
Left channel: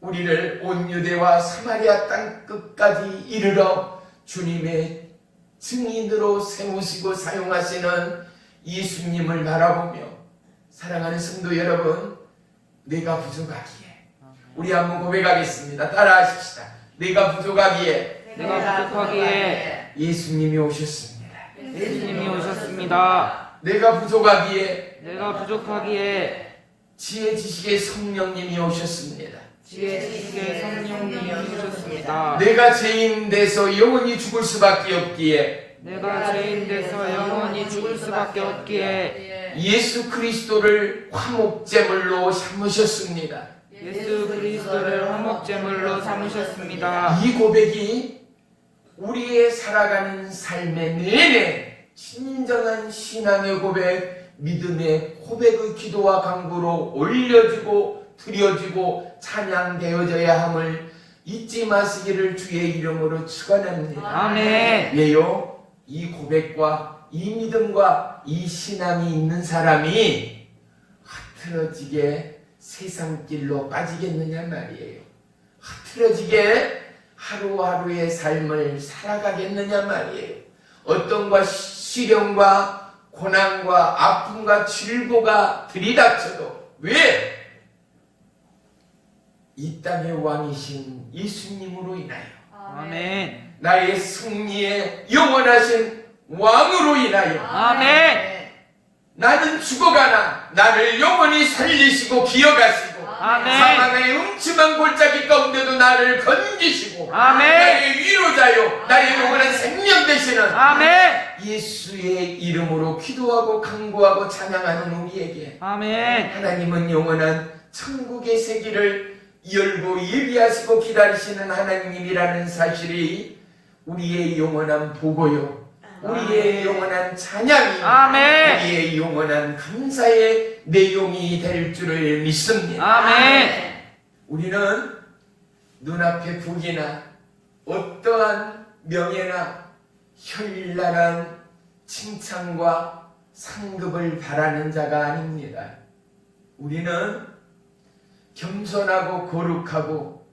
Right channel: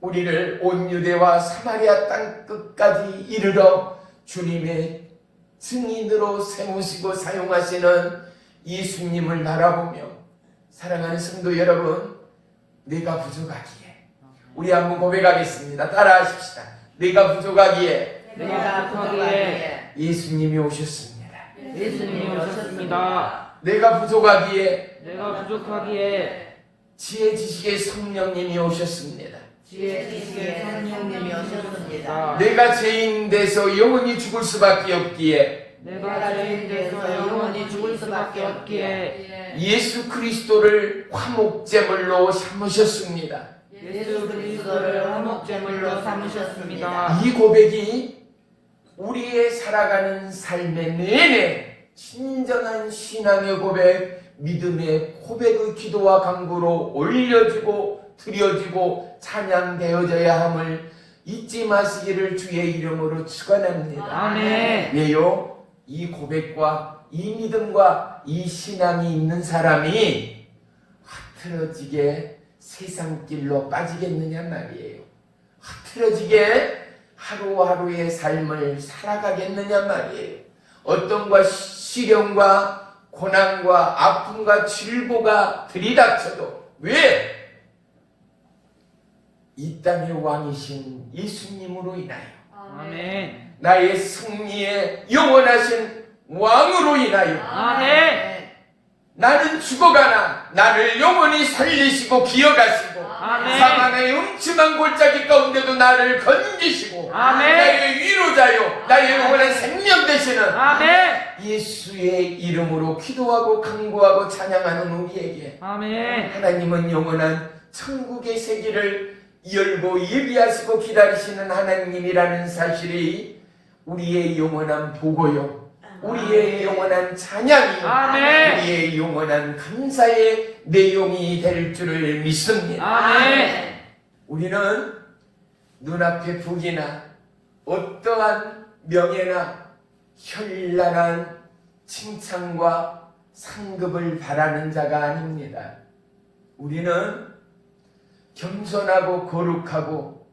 우리를 온 유대와 사마리아 땅 끝까지 이르러 주님의 증인으로 세우시고 사용하시는 예수님을 바라보며, 사랑하는 성도 여러분, 내가 부족하기에, 우리 한번 고백하겠습니다. 따라하십시다. 내가 부족하기에 내가 부족하기에 예수님이 오셨습니다. 예수님이 오셨습니다. 내가 부족하기에 내가 부족하기에 지혜 지식의 성령님이 오셨습니다. 지혜 지식의 성령님이 오셨습니다. 내가 죄인 돼서 영원히 죽을 수밖에 없기에 내가 죄인 돼서 영원히 죽을 수밖에 없기에 예수 그리스도를 화목제물로 삼으셨습니다. 예수 그리스도를 화목제물로 삼으셨습니다. 이 고백이 우리의 살아가는 삶의 내내 진정한 신앙의 고백, 믿음의 고백의 기도와 간구로 올려지고 드려지고 찬양되어져야 함을 잊지 마시기를 주의 이름으로 축원합니다. 아멘. 왜요? 이 고백과 이 믿음과 이 신앙이 있는 사람이 흐트러지게 세상 길로 빠지겠느냐 말이에요. 흐트러지게 하루하루의 삶을 살아가겠느냐 말이에요. 어떤 것 시련과 고난과 아픔과 질보가 들이닥쳐도 왜? 이 땅의 왕이신 예수님으로 인하여, 아멘. 나의 승리의 영원하신 왕으로 인하여 아멘. 나는 죽어가나 나를 영원히 살리시고 기억하시고 아멘. 사망의 음침한 골짜기 가운데도 나를 건지시고 아멘. 나의 위로자요 나의 영원한 생명 되시는 아멘. 예수의 이름으로 기도하고 간구하고 찬양하는 우리에게 아멘. 하나님은 영원한 천국의 세계를 열고 예비하시고 기다리시는 하나님이라는 사실이 우리의 영원한 보고요, 우리의 영원한 찬양이, 아멘. 우리의 영원한 감사의 내용이 될 줄을 믿습니다. 아멘. 우리는 눈앞의 북이나 어떠한 명예나 현란한 칭찬과 상급을 바라는 자가 아닙니다. 우리는 겸손하고 거룩하고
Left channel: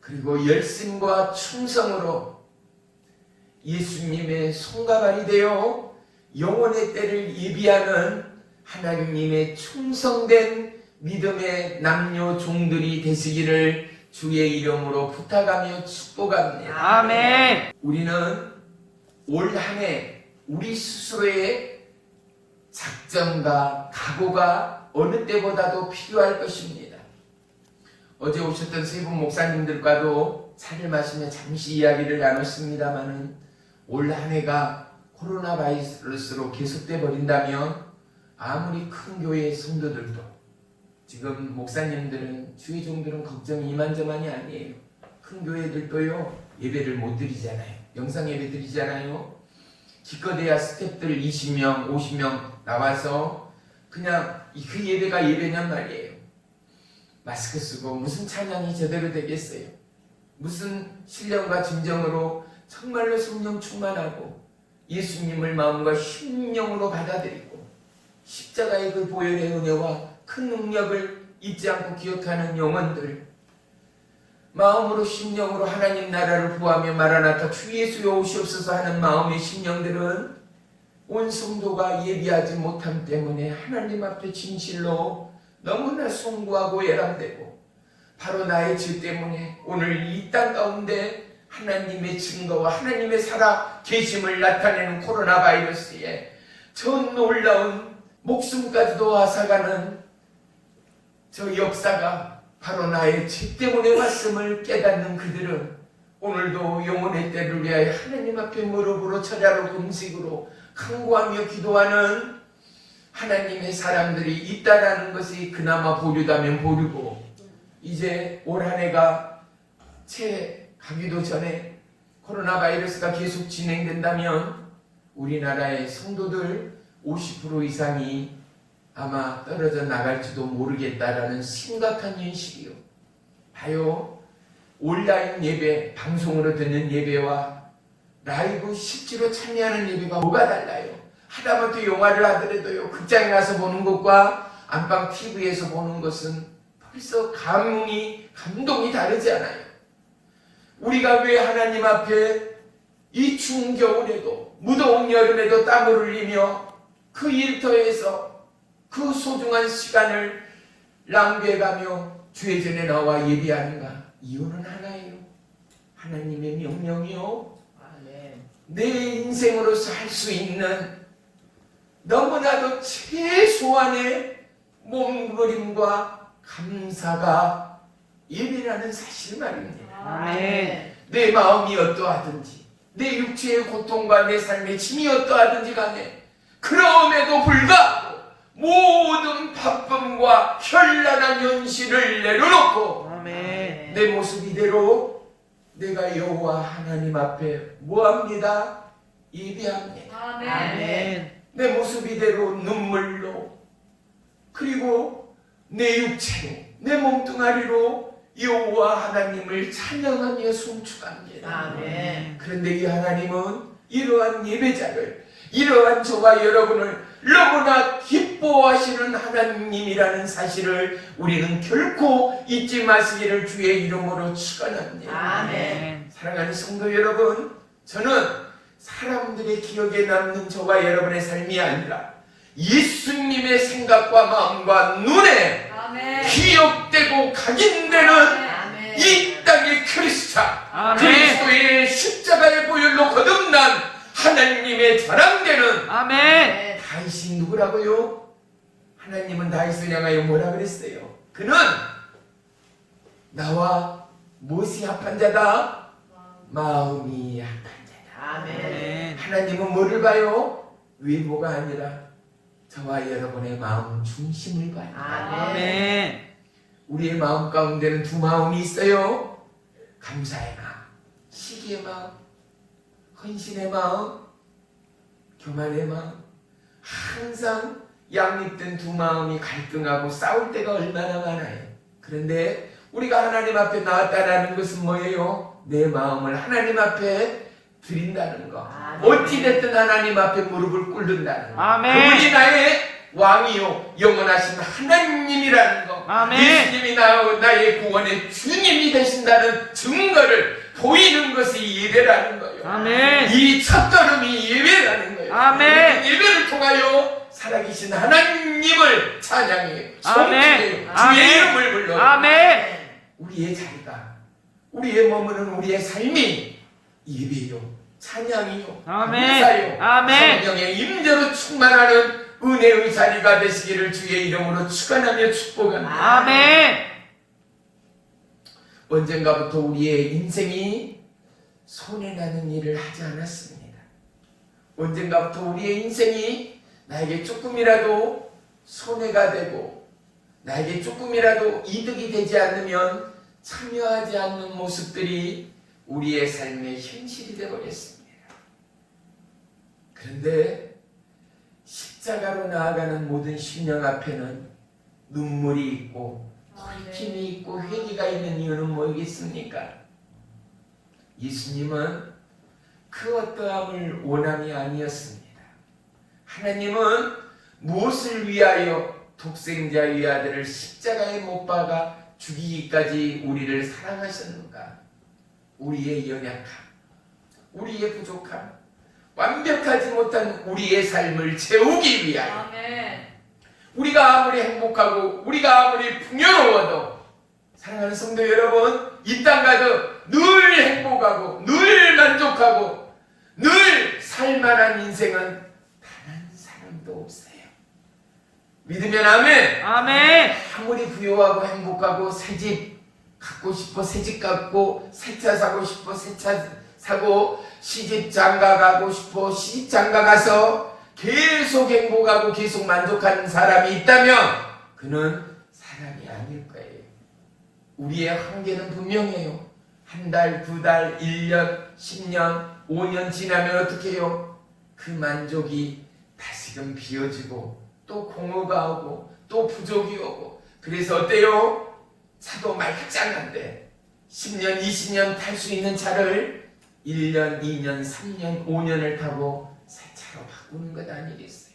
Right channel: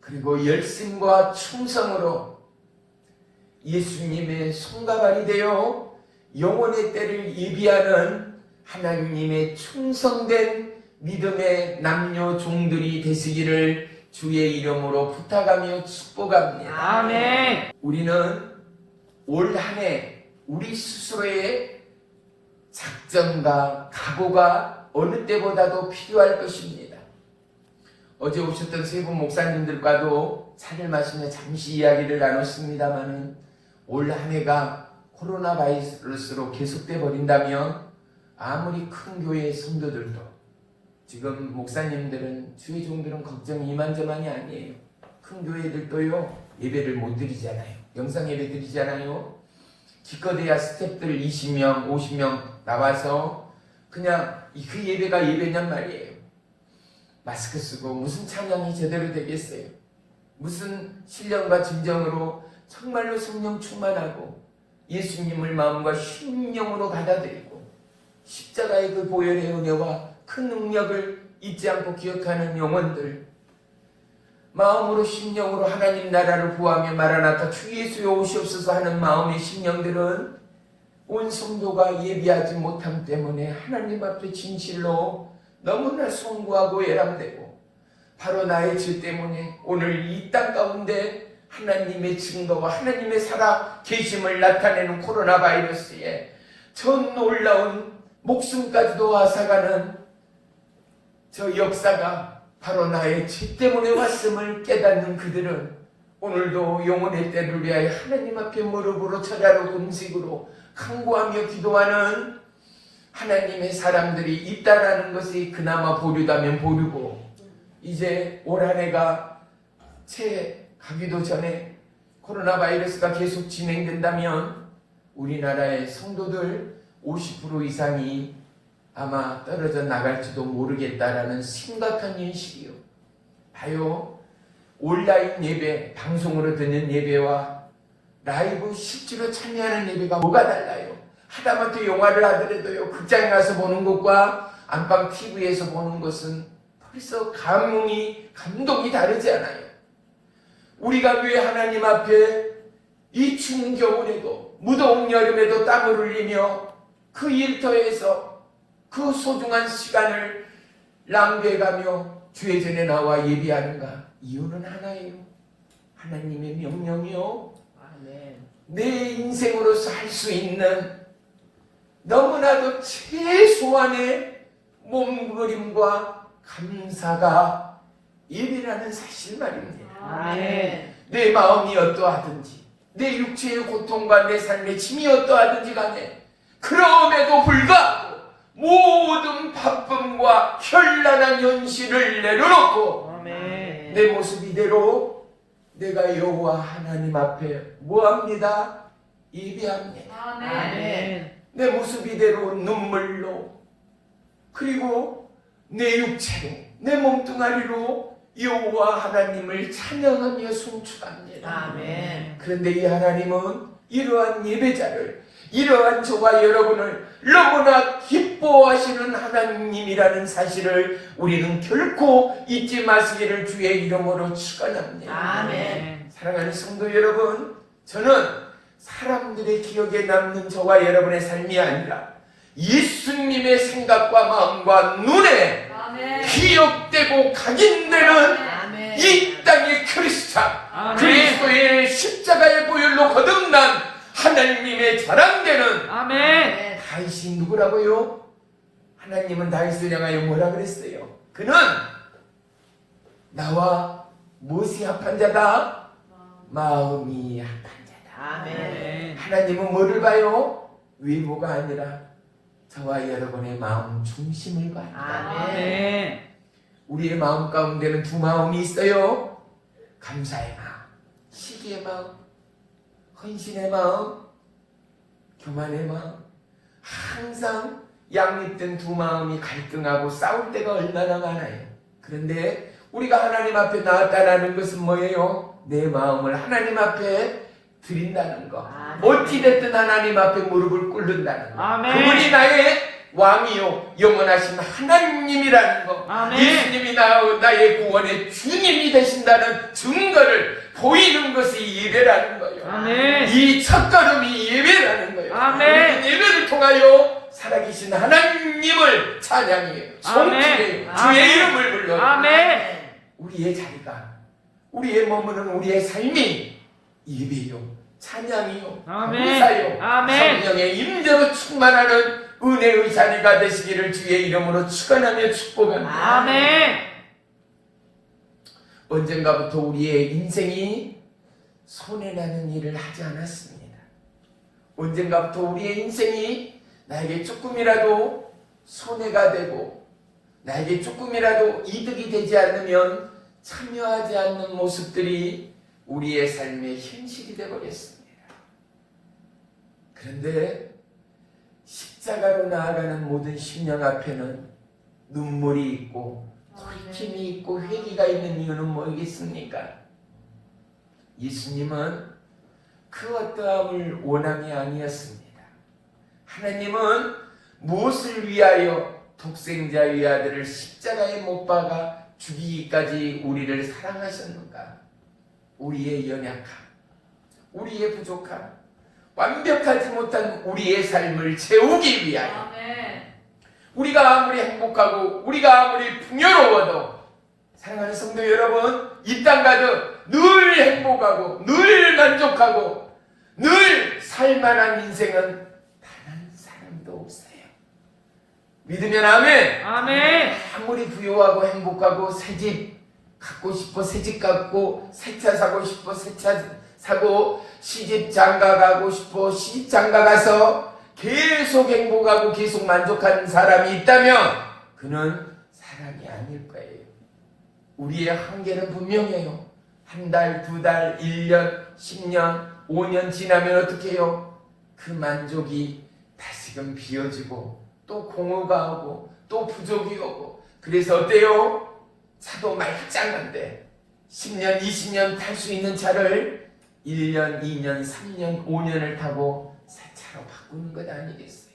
그리고 열심과 충성으로 예수님의 손가발이 되어 영혼의 때를 예비하는 하나님의 충성된 믿음의 남녀 종들이 되시기를 주의 이름으로 부탁하며 축복합니다. 아멘. 우리는 올 한 해 우리 스스로의 작전과 각오가 어느 때보다도 필요할 것입니다. 어제 오셨던 세 분 목사님들과도 차를 마시며 잠시 이야기를 나눴습니다마는 올 한 해가 코로나 바이러스로 계속돼 버린다면 아무리 큰 교회의 성도들도 지금 목사님들은 주의 종들은 걱정이 이만저만이 아니에요. 큰 교회들도요 예배를 못 드리잖아요. 영상 예배 드리잖아요. 기껏해야 스태프들 20명 50명 나와서 그냥 그 예배가 예배냔 말이에요. 마스크 쓰고 무슨 찬양이 제대로 되겠어요. 무슨 신령과 진정으로 정말로 성령 충만하고 예수님을 마음과 심령으로 받아들이고 십자가의 그 보혈의 은혜와 큰 능력을 잊지 않고 기억하는 영혼들, 마음으로 심령으로 하나님 나라를 구하며 마라나타 주 예수여 오시옵소서 하는 마음의 심령들은 온 성도가 예비하지 못함 때문에 하나님 앞에 진실로 너무나 송구하고 애람되고 바로 나의 죄 때문에 오늘 이 땅 가운데 하나님의 증거와 하나님의 살아 계심을 나타내는 코로나 바이러스에 저 놀라운 목숨까지도 앗아가는 저 역사가 바로 나의 죄 때문에 왔음을 깨닫는 그들은 오늘도 영혼의 때를 위하여 하나님 앞에 무릎으로 절하로 금식으로 간구하며 기도하는 하나님의 사람들이 있다라는 것이 그나마 보류다면 보류고, 이제 올 한 해가 채 가기도 전에 코로나 바이러스가 계속 진행된다면 우리나라의 성도들 50% 이상이 아마 떨어져 나갈지도 모르겠다라는 심각한 현실이요. 봐요. 온라인 예배, 방송으로 듣는 예배와 라이브 실제로 참여하는 예배가 뭐가 달라요? 하다못해 영화를 하더라도요, 극장에 가서 보는 것과 안방 TV에서 보는 것은 벌써 감동이 다르지 않아요. 우리가 왜 하나님 앞에 이 추운 겨울에도 무더운 여름에도 땀을 흘리며 그 일터에서 그 소중한 시간을 낭비해가며 주의 전에 나와 예비하는가? 이유는 하나예요. 하나님의 명령이요. 내 인생으로서 할 수 있는 너무나도 최소한의 몸부림과 감사가 예비라는 사실 말입니다. 아멘. 내 마음이 어떠하든지 내 육체의 고통과 내 삶의 짐이 어떠하든지 간에 그럼에도 불구하고 모든 바쁨과 현란한 현실을 내려놓고 아멘. 내 모습 이대로 내가 여호와 하나님 앞에 뭐합니다? 예배합니다. 아멘. 내 모습 이대로 눈물로 그리고 내 육체로 내 몸뚱아리로 여호와 하나님을 찬양하며 송축합니다. 아멘. 그런데 이 하나님은 이러한 예배자를, 이러한 저와 여러분을 너무나 기뻐하시는 하나님이라는 사실을 우리는 결코 잊지 마시기를 주의 이름으로 축원합니다. 아멘. 사랑하는 성도 여러분, 저는 사람들의 기억에 남는 저와 여러분의 삶이 아니라 예수님의 생각과 마음과 눈에 기억되고 각인되는 이 땅의 크리스찬, 그리스도의 십자가의 보혈로 거듭난 하나님의 자랑되는 아멘. 다윗이 누구라고요? 하나님은 다윗을 향하여 뭐라 그랬어요? 그는 나와 무엇이 합한 자다? 마음이 합한 자다. 아멘. 하나님은 뭐를 봐요? 외모가 아니라 저와 여러분의 마음 중심을 봐요. 아멘. 우리의 마음 가운데는 두 마음이 있어요. 감사의 마음, 시기의 마음, 헌신의 마음, 교만의 마음. 항상 양립된 두 마음이 갈등하고 싸울 때가 얼마나 많아요. 그런데 우리가 하나님 앞에 나왔다는 것은 뭐예요? 내 마음을 하나님 앞에 드린다는 거. 어찌됐든 하나님 앞에 무릎을 꿇는다는 거. 아멘. 그분이 나의 왕이요 영원하신 하나님이라는 거. 아멘. 예수님이 나의 구원의 주님이 되신다는 증거를 보이는 것이 예배라는 거예요. 아멘. 이 첫걸음이 예배라는 거예요. 아멘. 우리는 예배를 통하여 살아계신 하나님을 찬양해요. 성취해요. 아멘. 주의 이름을 불러요. 아멘. 우리의 자리가, 우리의 머무는 우리의 삶이 예배요, 찬양이요, 아멘. 감사요, 아멘. 성령의 임재로 충만하는 은혜의 자리가 되시기를 주의 이름으로 축원하며 축복합니다. 아멘. 언젠가부터 우리의 인생이 손해나는 일을 하지 않았습니다. 언젠가부터 우리의 인생이 나에게 조금이라도 손해가 되고 나에게 조금이라도 이득이 되지 않으면 참여하지 않는 모습들이 우리의 삶의 현실이 되어버렸습니다. 그런데 십자가로 나아가는 모든 심령 앞에는 눈물이 있고 힘이 있고 회개가 있는 이유는 뭐겠습니까? 예수님은 그 어떠함을 원함이 아니었습니다. 하나님은 무엇을 위하여 독생자의 아들을 십자가에 못 박아 죽이기까지 우리를 사랑하셨는가? 우리의 연약함, 우리의 부족함, 완벽하지 못한 우리의 삶을 채우기 위하여. 우리가 아무리 행복하고 우리가 아무리 풍요로워도 사랑하는 성도 여러분, 이 땅 가득 늘 행복하고 늘 만족하고 늘 살만한 인생은 단 한 사람도 없어요. 믿으면 아멘. 아멘. 아무리 부유하고 행복하고 새집 갖고 싶어 새집 갖고 새 차 사고 싶어 새 차 사고 시집 장가 가고 싶어 시집 장가 가서 계속 행복하고 계속 만족하는 사람이 있다면 그는 사람이 아닐 거예요. 우리의 한계는 분명해요. 한 달, 두 달, 1년, 10년, 5년 지나면 어떻게 해요? 그 만족이 다시금 비어지고 또 공허가 오고 또 부족이 오고 그래서 어때요? 차도 말짱한데 10년, 20년 탈 수 있는 차를 1년, 2년, 3년, 5년을 타고 새 차로 바꾸는 것 아니겠어요?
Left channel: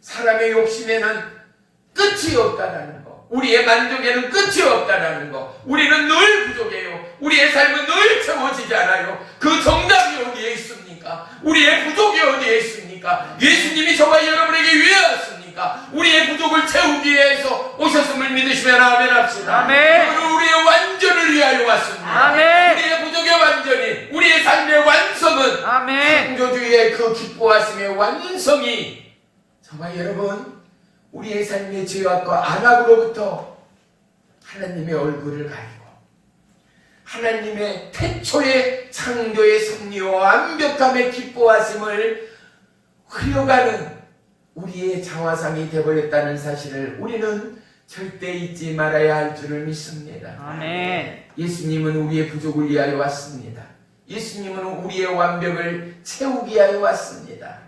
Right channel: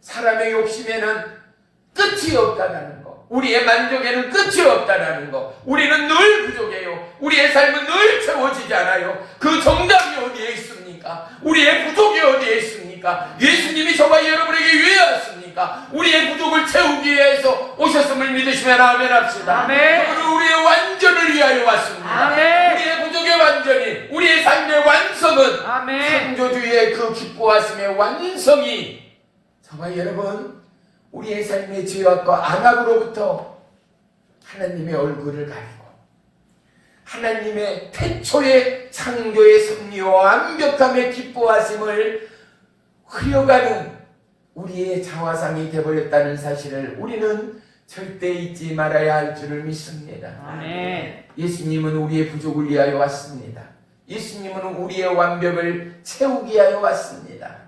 사람의 욕심에는 끝이 없다라는 거, 우리의 만족에는 끝이 없다라는 거, 우리는 늘 부족해요. 우리의 삶은 늘 채워지지 않아요. 그 정답이 어디에 있습니까? 우리의 부족이 어디에 있습니까? 예수님이 저와 여러분에게 왜 왔습니까? 우리의 부족을 채우기 위해서 오셨음을 믿으시면 아멘 합시다. 아멘. 그리고 우리의 완전을 위하여 왔습니다. 아멘. 우리의 부족의 완전이, 우리의 삶의 완성은 아멘. 창조주의 그 기뻐하심의 완성이 저와 여러분 우리의 삶의 죄악과 안악으로부터 하나님의 얼굴을 가리고 하나님의 태초의 창조의 섭리와 완벽함의 기뻐하심을 흐려가는 우리의 자화상이 되어버렸다는 사실을 우리는 절대 잊지 말아야 할 줄을 믿습니다. 아멘. 예수님은 우리의 부족을 위하여 왔습니다. 예수님은 우리의 완벽을 채우기 위하여 왔습니다.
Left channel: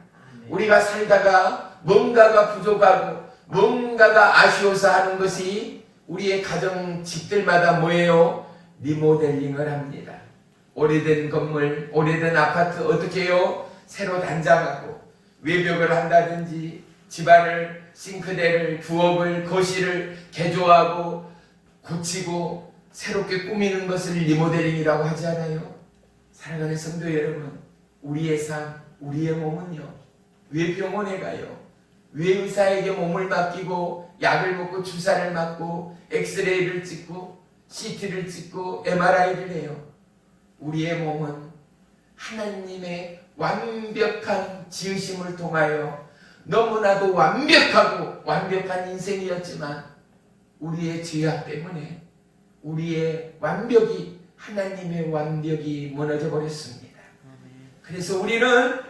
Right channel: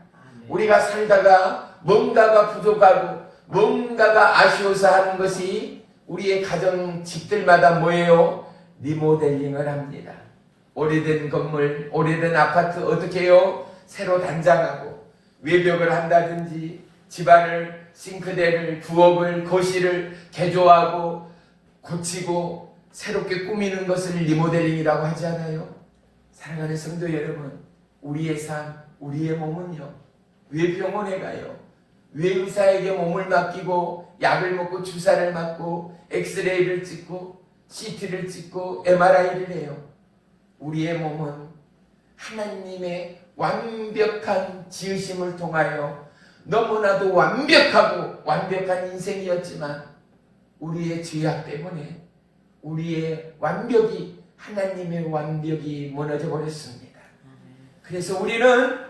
우리가 살다가 뭔가가 부족하고 뭔가가 아쉬워서 하는 것이 우리의 가정 집들마다 뭐예요? 리모델링을 합니다. 오래된 건물, 오래된 아파트 어떻게 해요? 새로 단장하고 외벽을 한다든지 집안을 싱크대를 부엌을 거실을 개조하고 고치고 새롭게 꾸미는 것을 리모델링이라고 하지 않아요? 사랑하는 성도 여러분, 우리의 삶, 우리의 몸은요, 왜 병원에 가요? 왜 의사에게 몸을 맡기고 약을 먹고 주사를 맞고 엑스레이를 찍고 CT를 찍고 MRI를 해요? 우리의 몸은 하나님의 완벽한 지으심을 통하여 너무나도 완벽하고 완벽한 인생이었지만 우리의 죄악 때문에 우리의 완벽이 하나님의 완벽이 무너져 버렸습니다. 그래서 우리는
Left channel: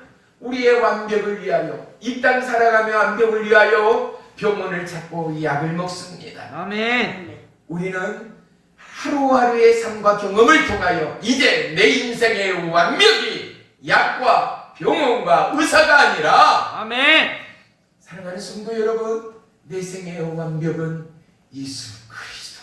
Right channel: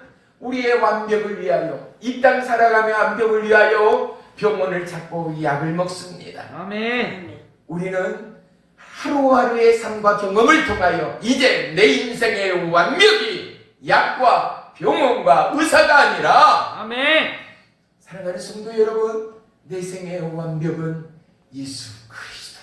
우리의 완벽을 위하여, 이 땅 살아가며 완벽을 위하여 병원을 찾고 약을 먹습니다. 아멘. 우리는 하루하루의 삶과 경험을 통하여 이제 내 인생의 완벽이 약과 병원과 의사가 아니라, 아멘. 사랑하는 성도 여러분, 내 생의 완벽은 예수 그리스도.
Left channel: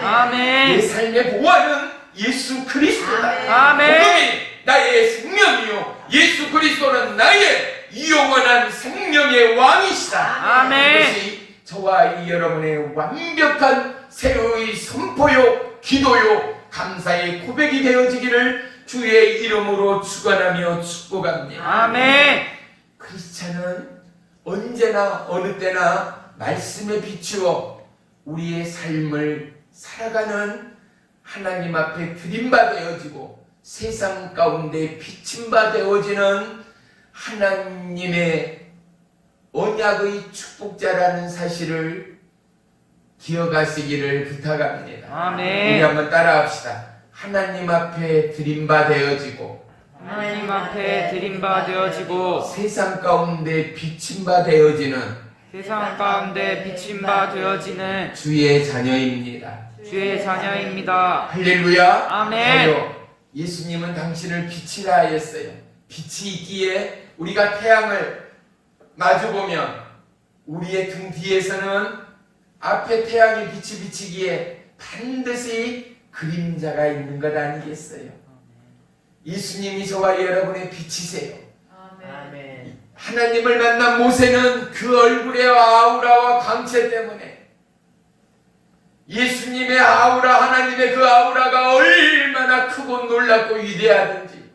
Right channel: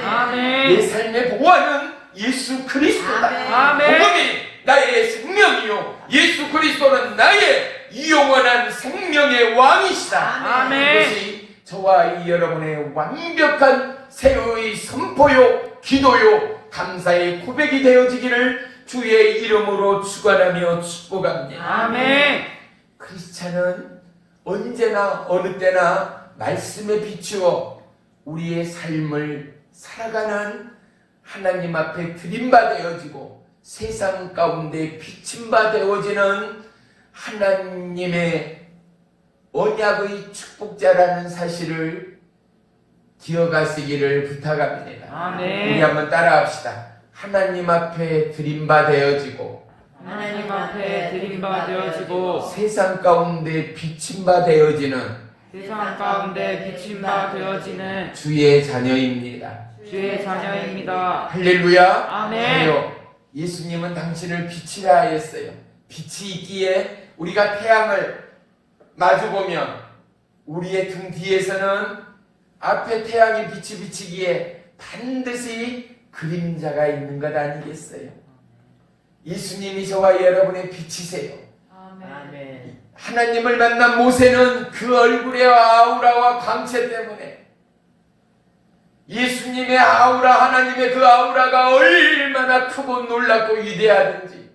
내 아멘. 삶의 보완은 예수 그리스도다. 아멘. 복음이 나의 생명이요, 예수 그리스도는 나의 영원한 생명의 왕이시다. 아멘. 이것이 저와 이 여러분의 완벽한 새로의 선포요, 기도요, 감사의 고백이 되어지기를 주의 이름으로 축원하며 축복합니다. 아멘. 크리스찬은 언제나 어느 때나 말씀에 비추어 우리의 삶을 살아가는 하나님 앞에 드림바 되어지고 세상 가운데 비침바 되어지는 하나님의 언약의 축복자라는 사실을 기억하시기를 부탁합니다. 아멘. 우리 한번 따라합시다. 하나님 앞에 드림바 되어지고 하나님 앞에 드림바 되어지고 세상 가운데 비침바 되어지는 세상 가운데 비침바 되어지는 주의 자녀입니다. 주의 자녀입니다. 할렐루야. 아멘. 자녀, 예수님은 당신을 빛이라 하였어요. 빛이 있기에 우리가 태양을 마주보면 우리의 등 뒤에서는 앞에 태양의 빛이 비치기에 반드시 그림자가 있는 것 아니겠어요? 예수님이 저와 여러분의 빛이세요. 하나님을 만난 모세는 그 얼굴의 아우라와 광채 때문에, 예수님의 아우라, 하나님의 그 아우라가 얼마나 크고 놀랍고 위대하든지,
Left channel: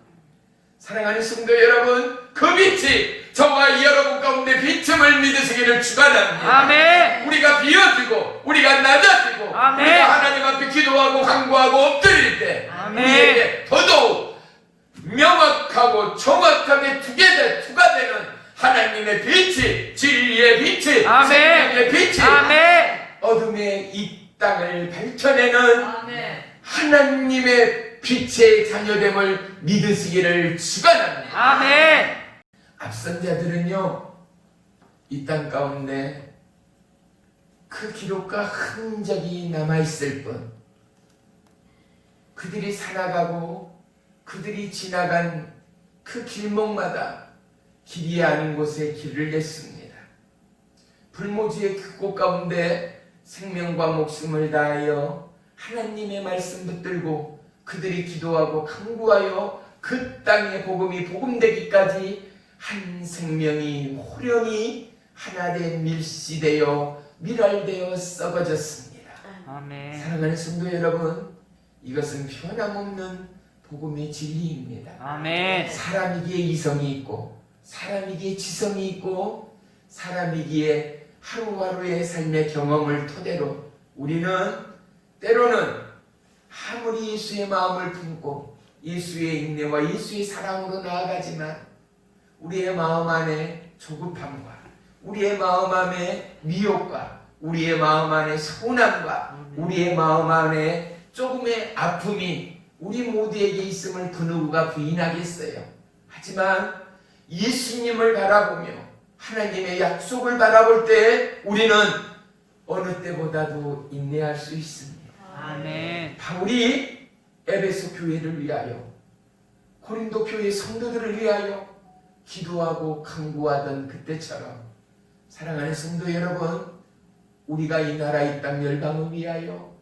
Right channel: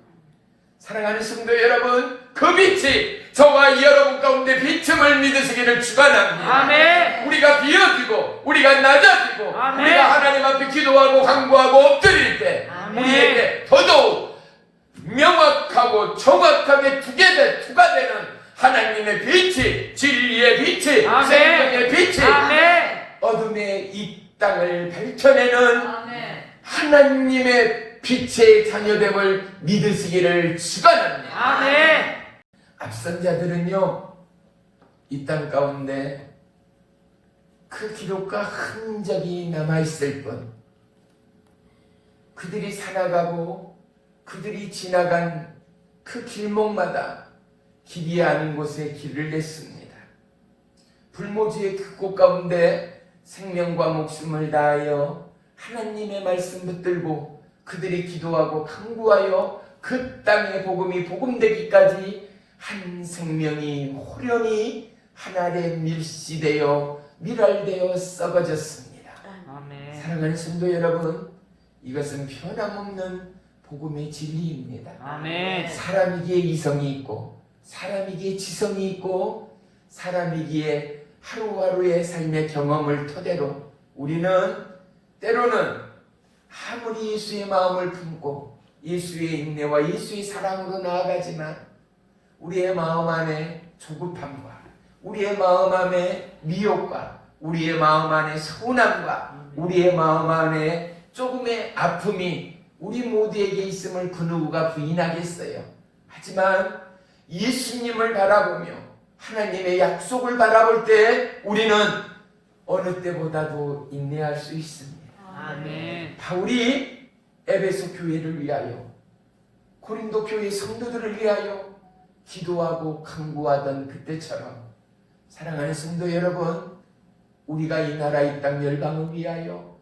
사랑하는 성도 여러분, 그 빛이 저와 여러분 가운데 비춤을 믿으시기를 축원합니다. 아멘. 우리가 비어지고 우리가 낮아지고 아멘. 우리가 하나님 앞에 기도하고 간구하고 엎드릴 때 아멘. 우리에게 더더욱 명확하고 정확하게 투가 되는 하나님의 빛이, 진리의 빛이, 아멘. 생명의 빛이 아멘. 어둠의 이 땅을 밝혀내는 하나님의 빛의 자녀됨을 믿으시기를 축원합니다. 아멘. 앞선 자들은요, 이 땅 가운데 그 기록과 흔적이 남아있을 뿐, 그들이 살아가고 그들이 지나간 그 길목마다 길이 아닌 곳에 길을 냈습니다. 불모지의 그 곳 가운데 생명과 목숨을 다하여 하나님의 말씀 붙들고 그들이 기도하고 간구하여 그 땅의 복음이 복음되기까지 한 생명이 호련히 하늘에 밀시되어 밀알되어 썩어졌습니다. 아멘. 사랑하는 성도 여러분, 이것은 변함없는 복음의 진리입니다. 아멘. 사람이기에 이성이 있고 사람이기에 지성이 있고 사람이기에 하루하루의 삶의 경험을 토대로 우리는 때로는 아무리 예수의 마음을 품고 예수의 인내와 예수의 사랑으로 나아가지만 우리의 마음 안에 조급함과 우리의 마음 안에 미혹과 우리의 마음 안에 서운함과 우리의 마음 안에 조금의 아픔이 우리 모두에게 있음을 그 누구가 부인하겠어요. 하지만 예수님을 바라보며 하나님의 약속을 바라볼 때 우리는 어느 때보다도 인내할 수 있습니다. 아멘. 바울이 에베소 교회를 위하여 고린도 교회 성도들을 위하여 기도하고 간구하던 그때처럼 사랑하는 성도 여러분, 우리가 이 나라 이 땅 열방을 위하여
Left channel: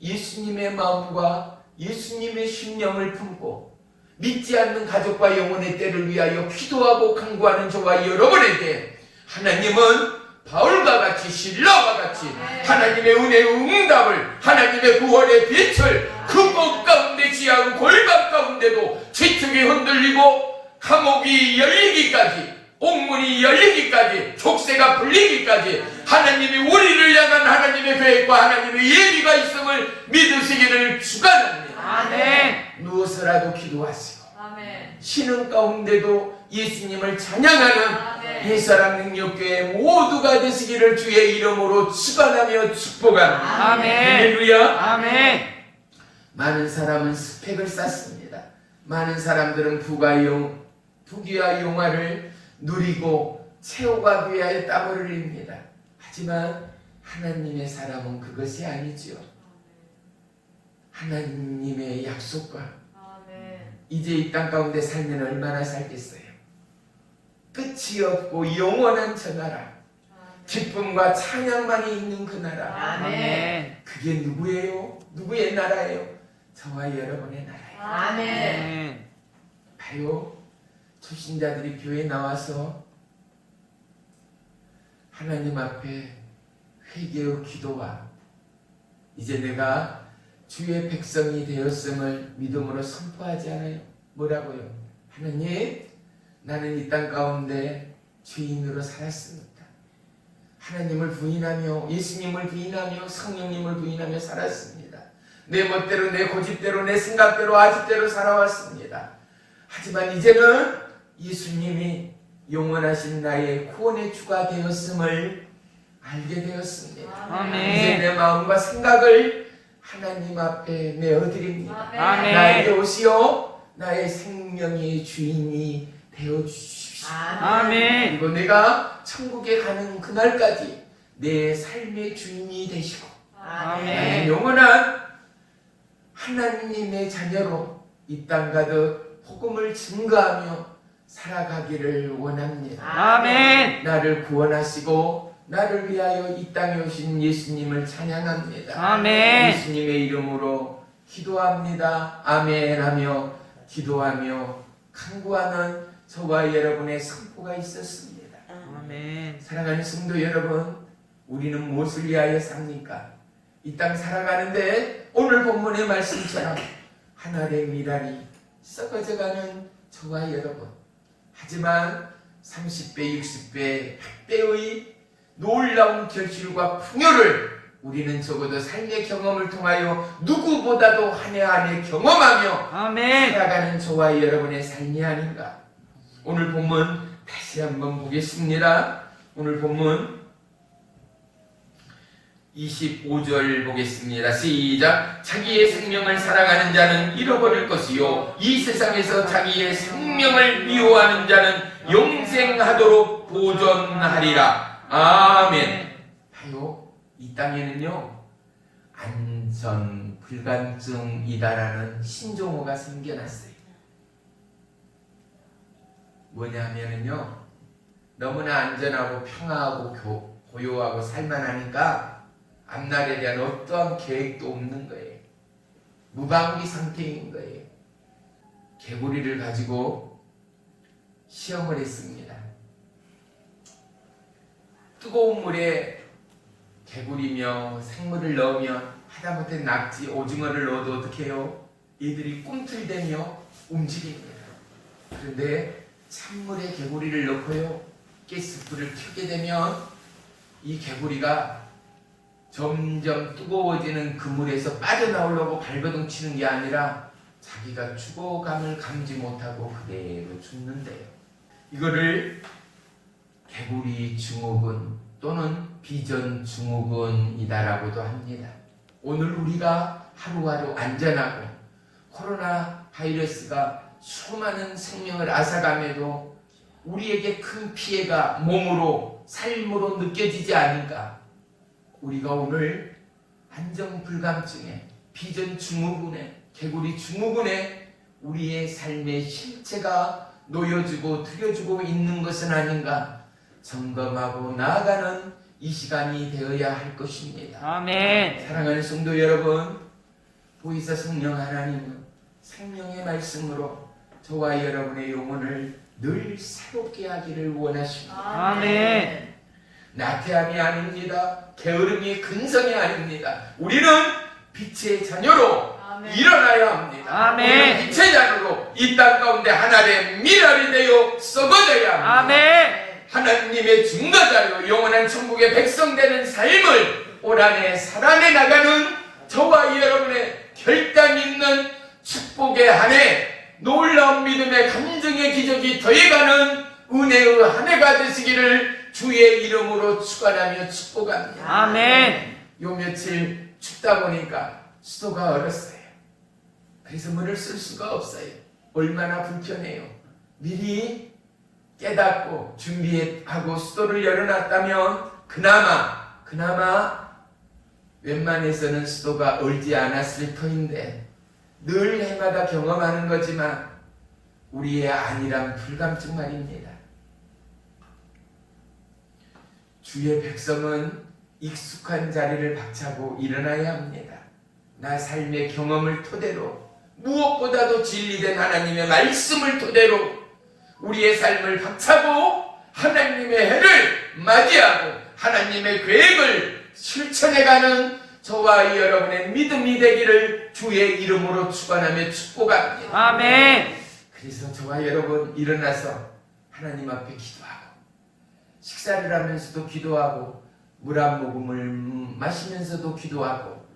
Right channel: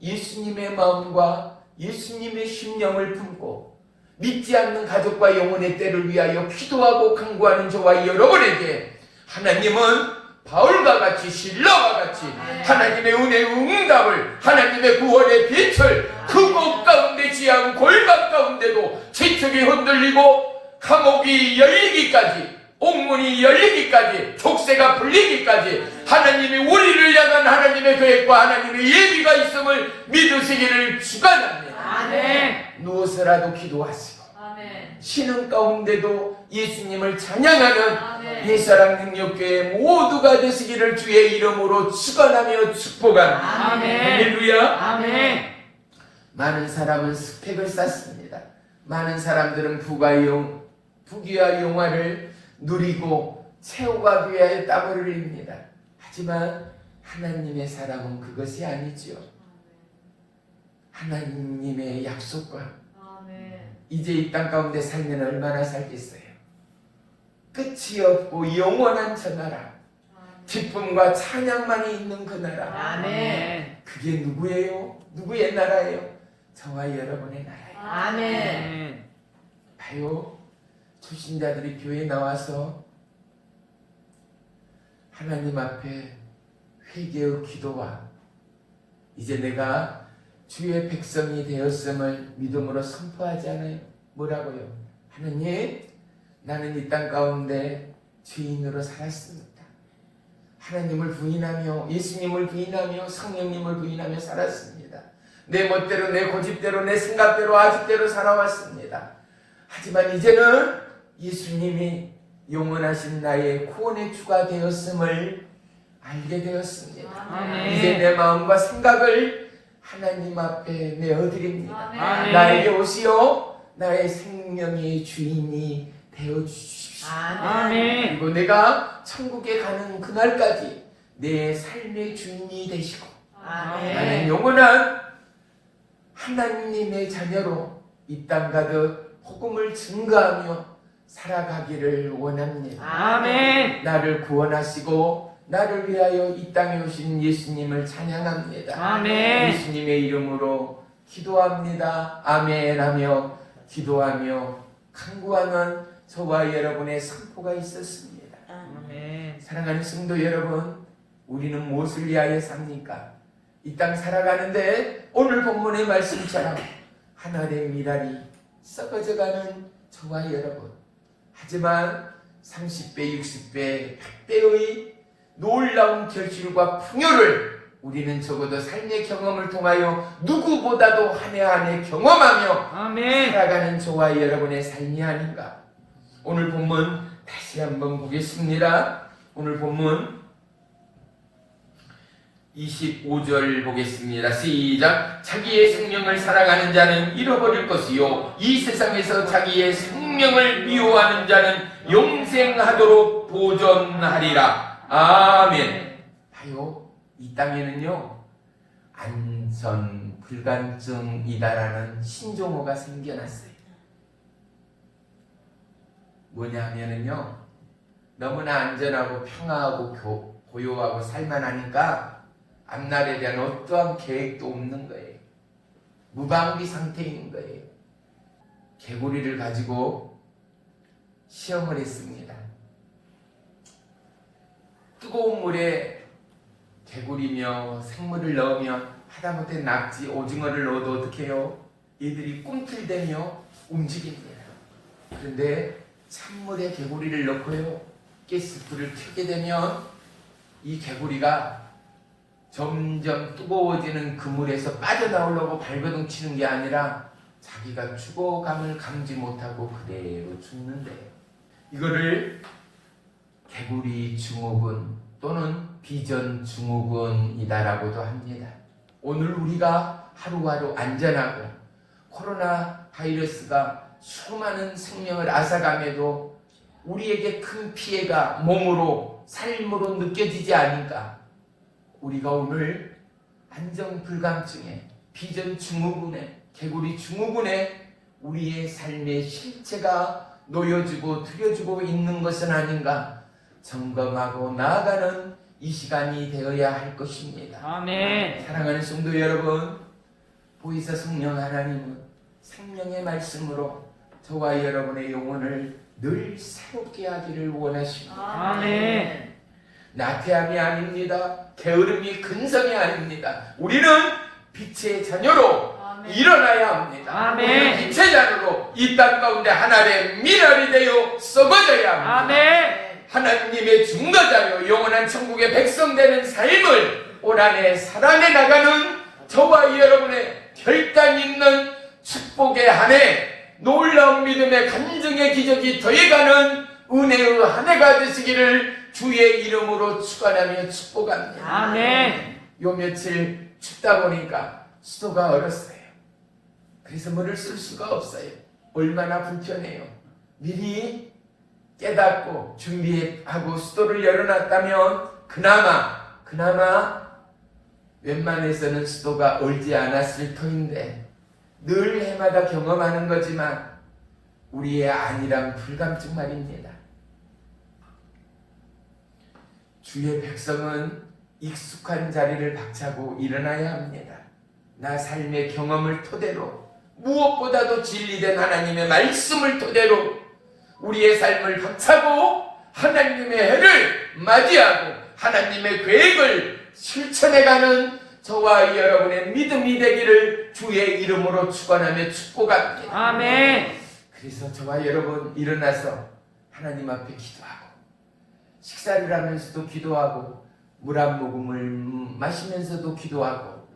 예수님의 마음과 예수님의 심령을 품고 믿지 않는 가족과 영혼의 때를 위하여 기도하고 간구하는 저와 여러분에게 하나님은 바울과 같이 신라와 같이 하나님의 은혜의 응답을, 하나님의 구원의 빛을 그 곳 가운데 지하고 골방 가운데도 지축이 흔들리고 감옥이 열리기까지, 옥문이 열리기까지, 족쇄가 풀리기까지 하나님이 우리를 향한 하나님의 계획과 하나님의 예비가 있음을 믿으시기를 축원합니다. 아멘. 누워서라도 기도하시고 아멘. 쉬는 가운데도 예수님을 찬양하는 아멘. 예사랑 능력교회 모두가 되시기를 주의 이름으로 축원하며 축복합니다. 아멘. 할렐루야. 아멘. 많은 사람은 스펙을 쌓습니다. 많은 사람들은 부귀와 영화를 누리고 채워가기 위하여 땀을 흘립니다. 하지만 하나님의 사람은 그것이 아니지요. 하나님의 약속과 이제 이 땅 가운데 살면 얼마나 살겠어요. 끝이 없고 영원한 저 나라, 기쁨과 찬양만이 있는 그 나라. 아멘. 그게 누구예요? 누구의 나라예요? 저와 여러분의 나라예요. 아멘. 봐요. 초신자들이 교회에 나와서 하나님 앞에 회개의 기도와 이제 내가 주의 백성이 되었음을 믿음으로 선포하지 않아요? 뭐라고요? 하나님, 나는 이 땅 가운데 죄인으로 살았습니다. 하나님을 부인하며 예수님을 부인하며 성령님을 부인하며 살았습니다. 내 멋대로 내 고집대로 내 생각대로 아집대로 살아왔습니다. 하지만 이제는 예수님이 영원하신 나의 구원의 주가 되었음을 알게 되었습니다. 아멘. 이제 내 마음과 생각을 하나님 앞에 내어드립니다. 아멘. 나에게 오시어 나의 생명의 주인이 되어주십시오. 아멘. 그리고 내가 천국에 가는 그날까지 내 삶의 주인이 되시고 나는 영원한 하나님의 자녀로 이 땅 가득 복음을 증거하며 살아가기를 원합니다. 아멘. 나를 구원하시고 나를 위하여 이 땅에 오신 예수님을 찬양합니다. 아멘. 예수님의 이름으로 기도합니다. 아멘 하며 기도하며 간구하는 저와 여러분의 선포가 있었습니다. 아멘. 사랑하는 성도 여러분, 우리는 무엇을 위하여 삽니까? 이 땅 살아가는데 오늘 본문의 말씀처럼 한 알의 미랄이 썩어져가는 저와 여러분, 하지만 30배, 60배, 100배의 놀라운 결실과 풍요를 우리는 적어도 삶의 경험을 통하여 누구보다도 한 해 한 해 경험하며 아멘. 살아가는 저와 여러분의 삶이 아닌가. 오늘 본문 다시 한번 보겠습니다. 오늘 본문 25절 보겠습니다. 시작. 자기의 생명을 살아가는 자는 잃어버릴 것이요 이 세상에서 자기의 생명을 미워하는 자는 영생하도록 보존하리라. 아멘. 봐요. 이 땅에는요 안전 불감증이다라는 신종어가 생겨났어요. 뭐냐 하면은요 너무나 안전하고 평화하고 고요하고 살만하니까 앞날에 대한 어떠한 계획도 없는 거예요. 무방비 상태인 거예요. 개구리를 가지고 시험을 했습니다. 뜨거운 물에 개구리며 생물을 넣으면 하다못해 낙지, 오징어를 넣어도 어떻게 해요? 얘들이 꿈틀대며 움직입니다. 그런데 찬물에 개구리를 넣고요 가스불을 켜게 되면 이 개구리가 점점 뜨거워지는 그 물에서 빠져나오려고 발버둥 치는 게 아니라 자기가 죽어감을 감지 못하고 그대로 죽는데요. 이거를 개구리 증후군 또는 비전 증후군이다라고도 합니다. 오늘 우리가 하루하루 안전하고 코로나 바이러스가 수많은 생명을 앗아가면도 우리에게 큰 피해가 몸으로 삶으로 느껴지지 않을까? 우리가 오늘 안정불감증에 비전 증후군에 개구리 증후군에 우리의 삶의 실체가 놓여지고 들여지고 있는 것은 아닌가 점검하고 나아가는 이 시간이 되어야 할 것입니다. 아멘. 사랑하는 성도 여러분, 보이사 성령 하나님은 생명의 말씀으로 저와 여러분의 영혼을 늘 새롭게 하기를 원하십니다. 아멘. 나태함이 아닙니다. 게으름이 근성이 아닙니다. 우리는 빛의 자녀로 일어나야 합니다. 아멘. 우리는 빛의 자녀로 이 땅 가운데 하나의 미랄이 되어 썩어져야 합니다. 아멘. 하나님의 증거자요 영원한 천국의 백성 되는 삶을 올 한해 살아내 나가는 저와 여러분의 결단 있는 축복의 한 해, 놀라운 믿음의 간증의 기적이 더해가는 은혜의 한 해가 되시기를 주의 이름으로 축원하며 축복합니다. 아멘. 요 며칠 춥다 보니까 수도가 얼었어요. 그래서 물을 쓸 수가 없어요. 얼마나 불편해요. 미리 깨닫고 준비하고 수도를 열어놨다면 그나마 웬만해서는 수도가 얼지 않았을 터인데 늘 해마다 경험하는 거지만 우리의 안일한 불감증 말입니다. 주의 백성은 익숙한 자리를 박차고 일어나야 합니다. 나 삶의 경험을 토대로 무엇보다도 진리된 하나님의 말씀을 토대로 우리의 삶을 박차고 하나님의 해를 맞이하고 하나님의 계획을 실천해가는 저와 여러분의 믿음이 되기를 주의 이름으로 축원하며 축복합니다. 아멘. 그래서 저와 여러분 일어나서 하나님 앞에 기도하고 식사를 하면서도 기도하고 물 한 모금을 마시면서도 기도하고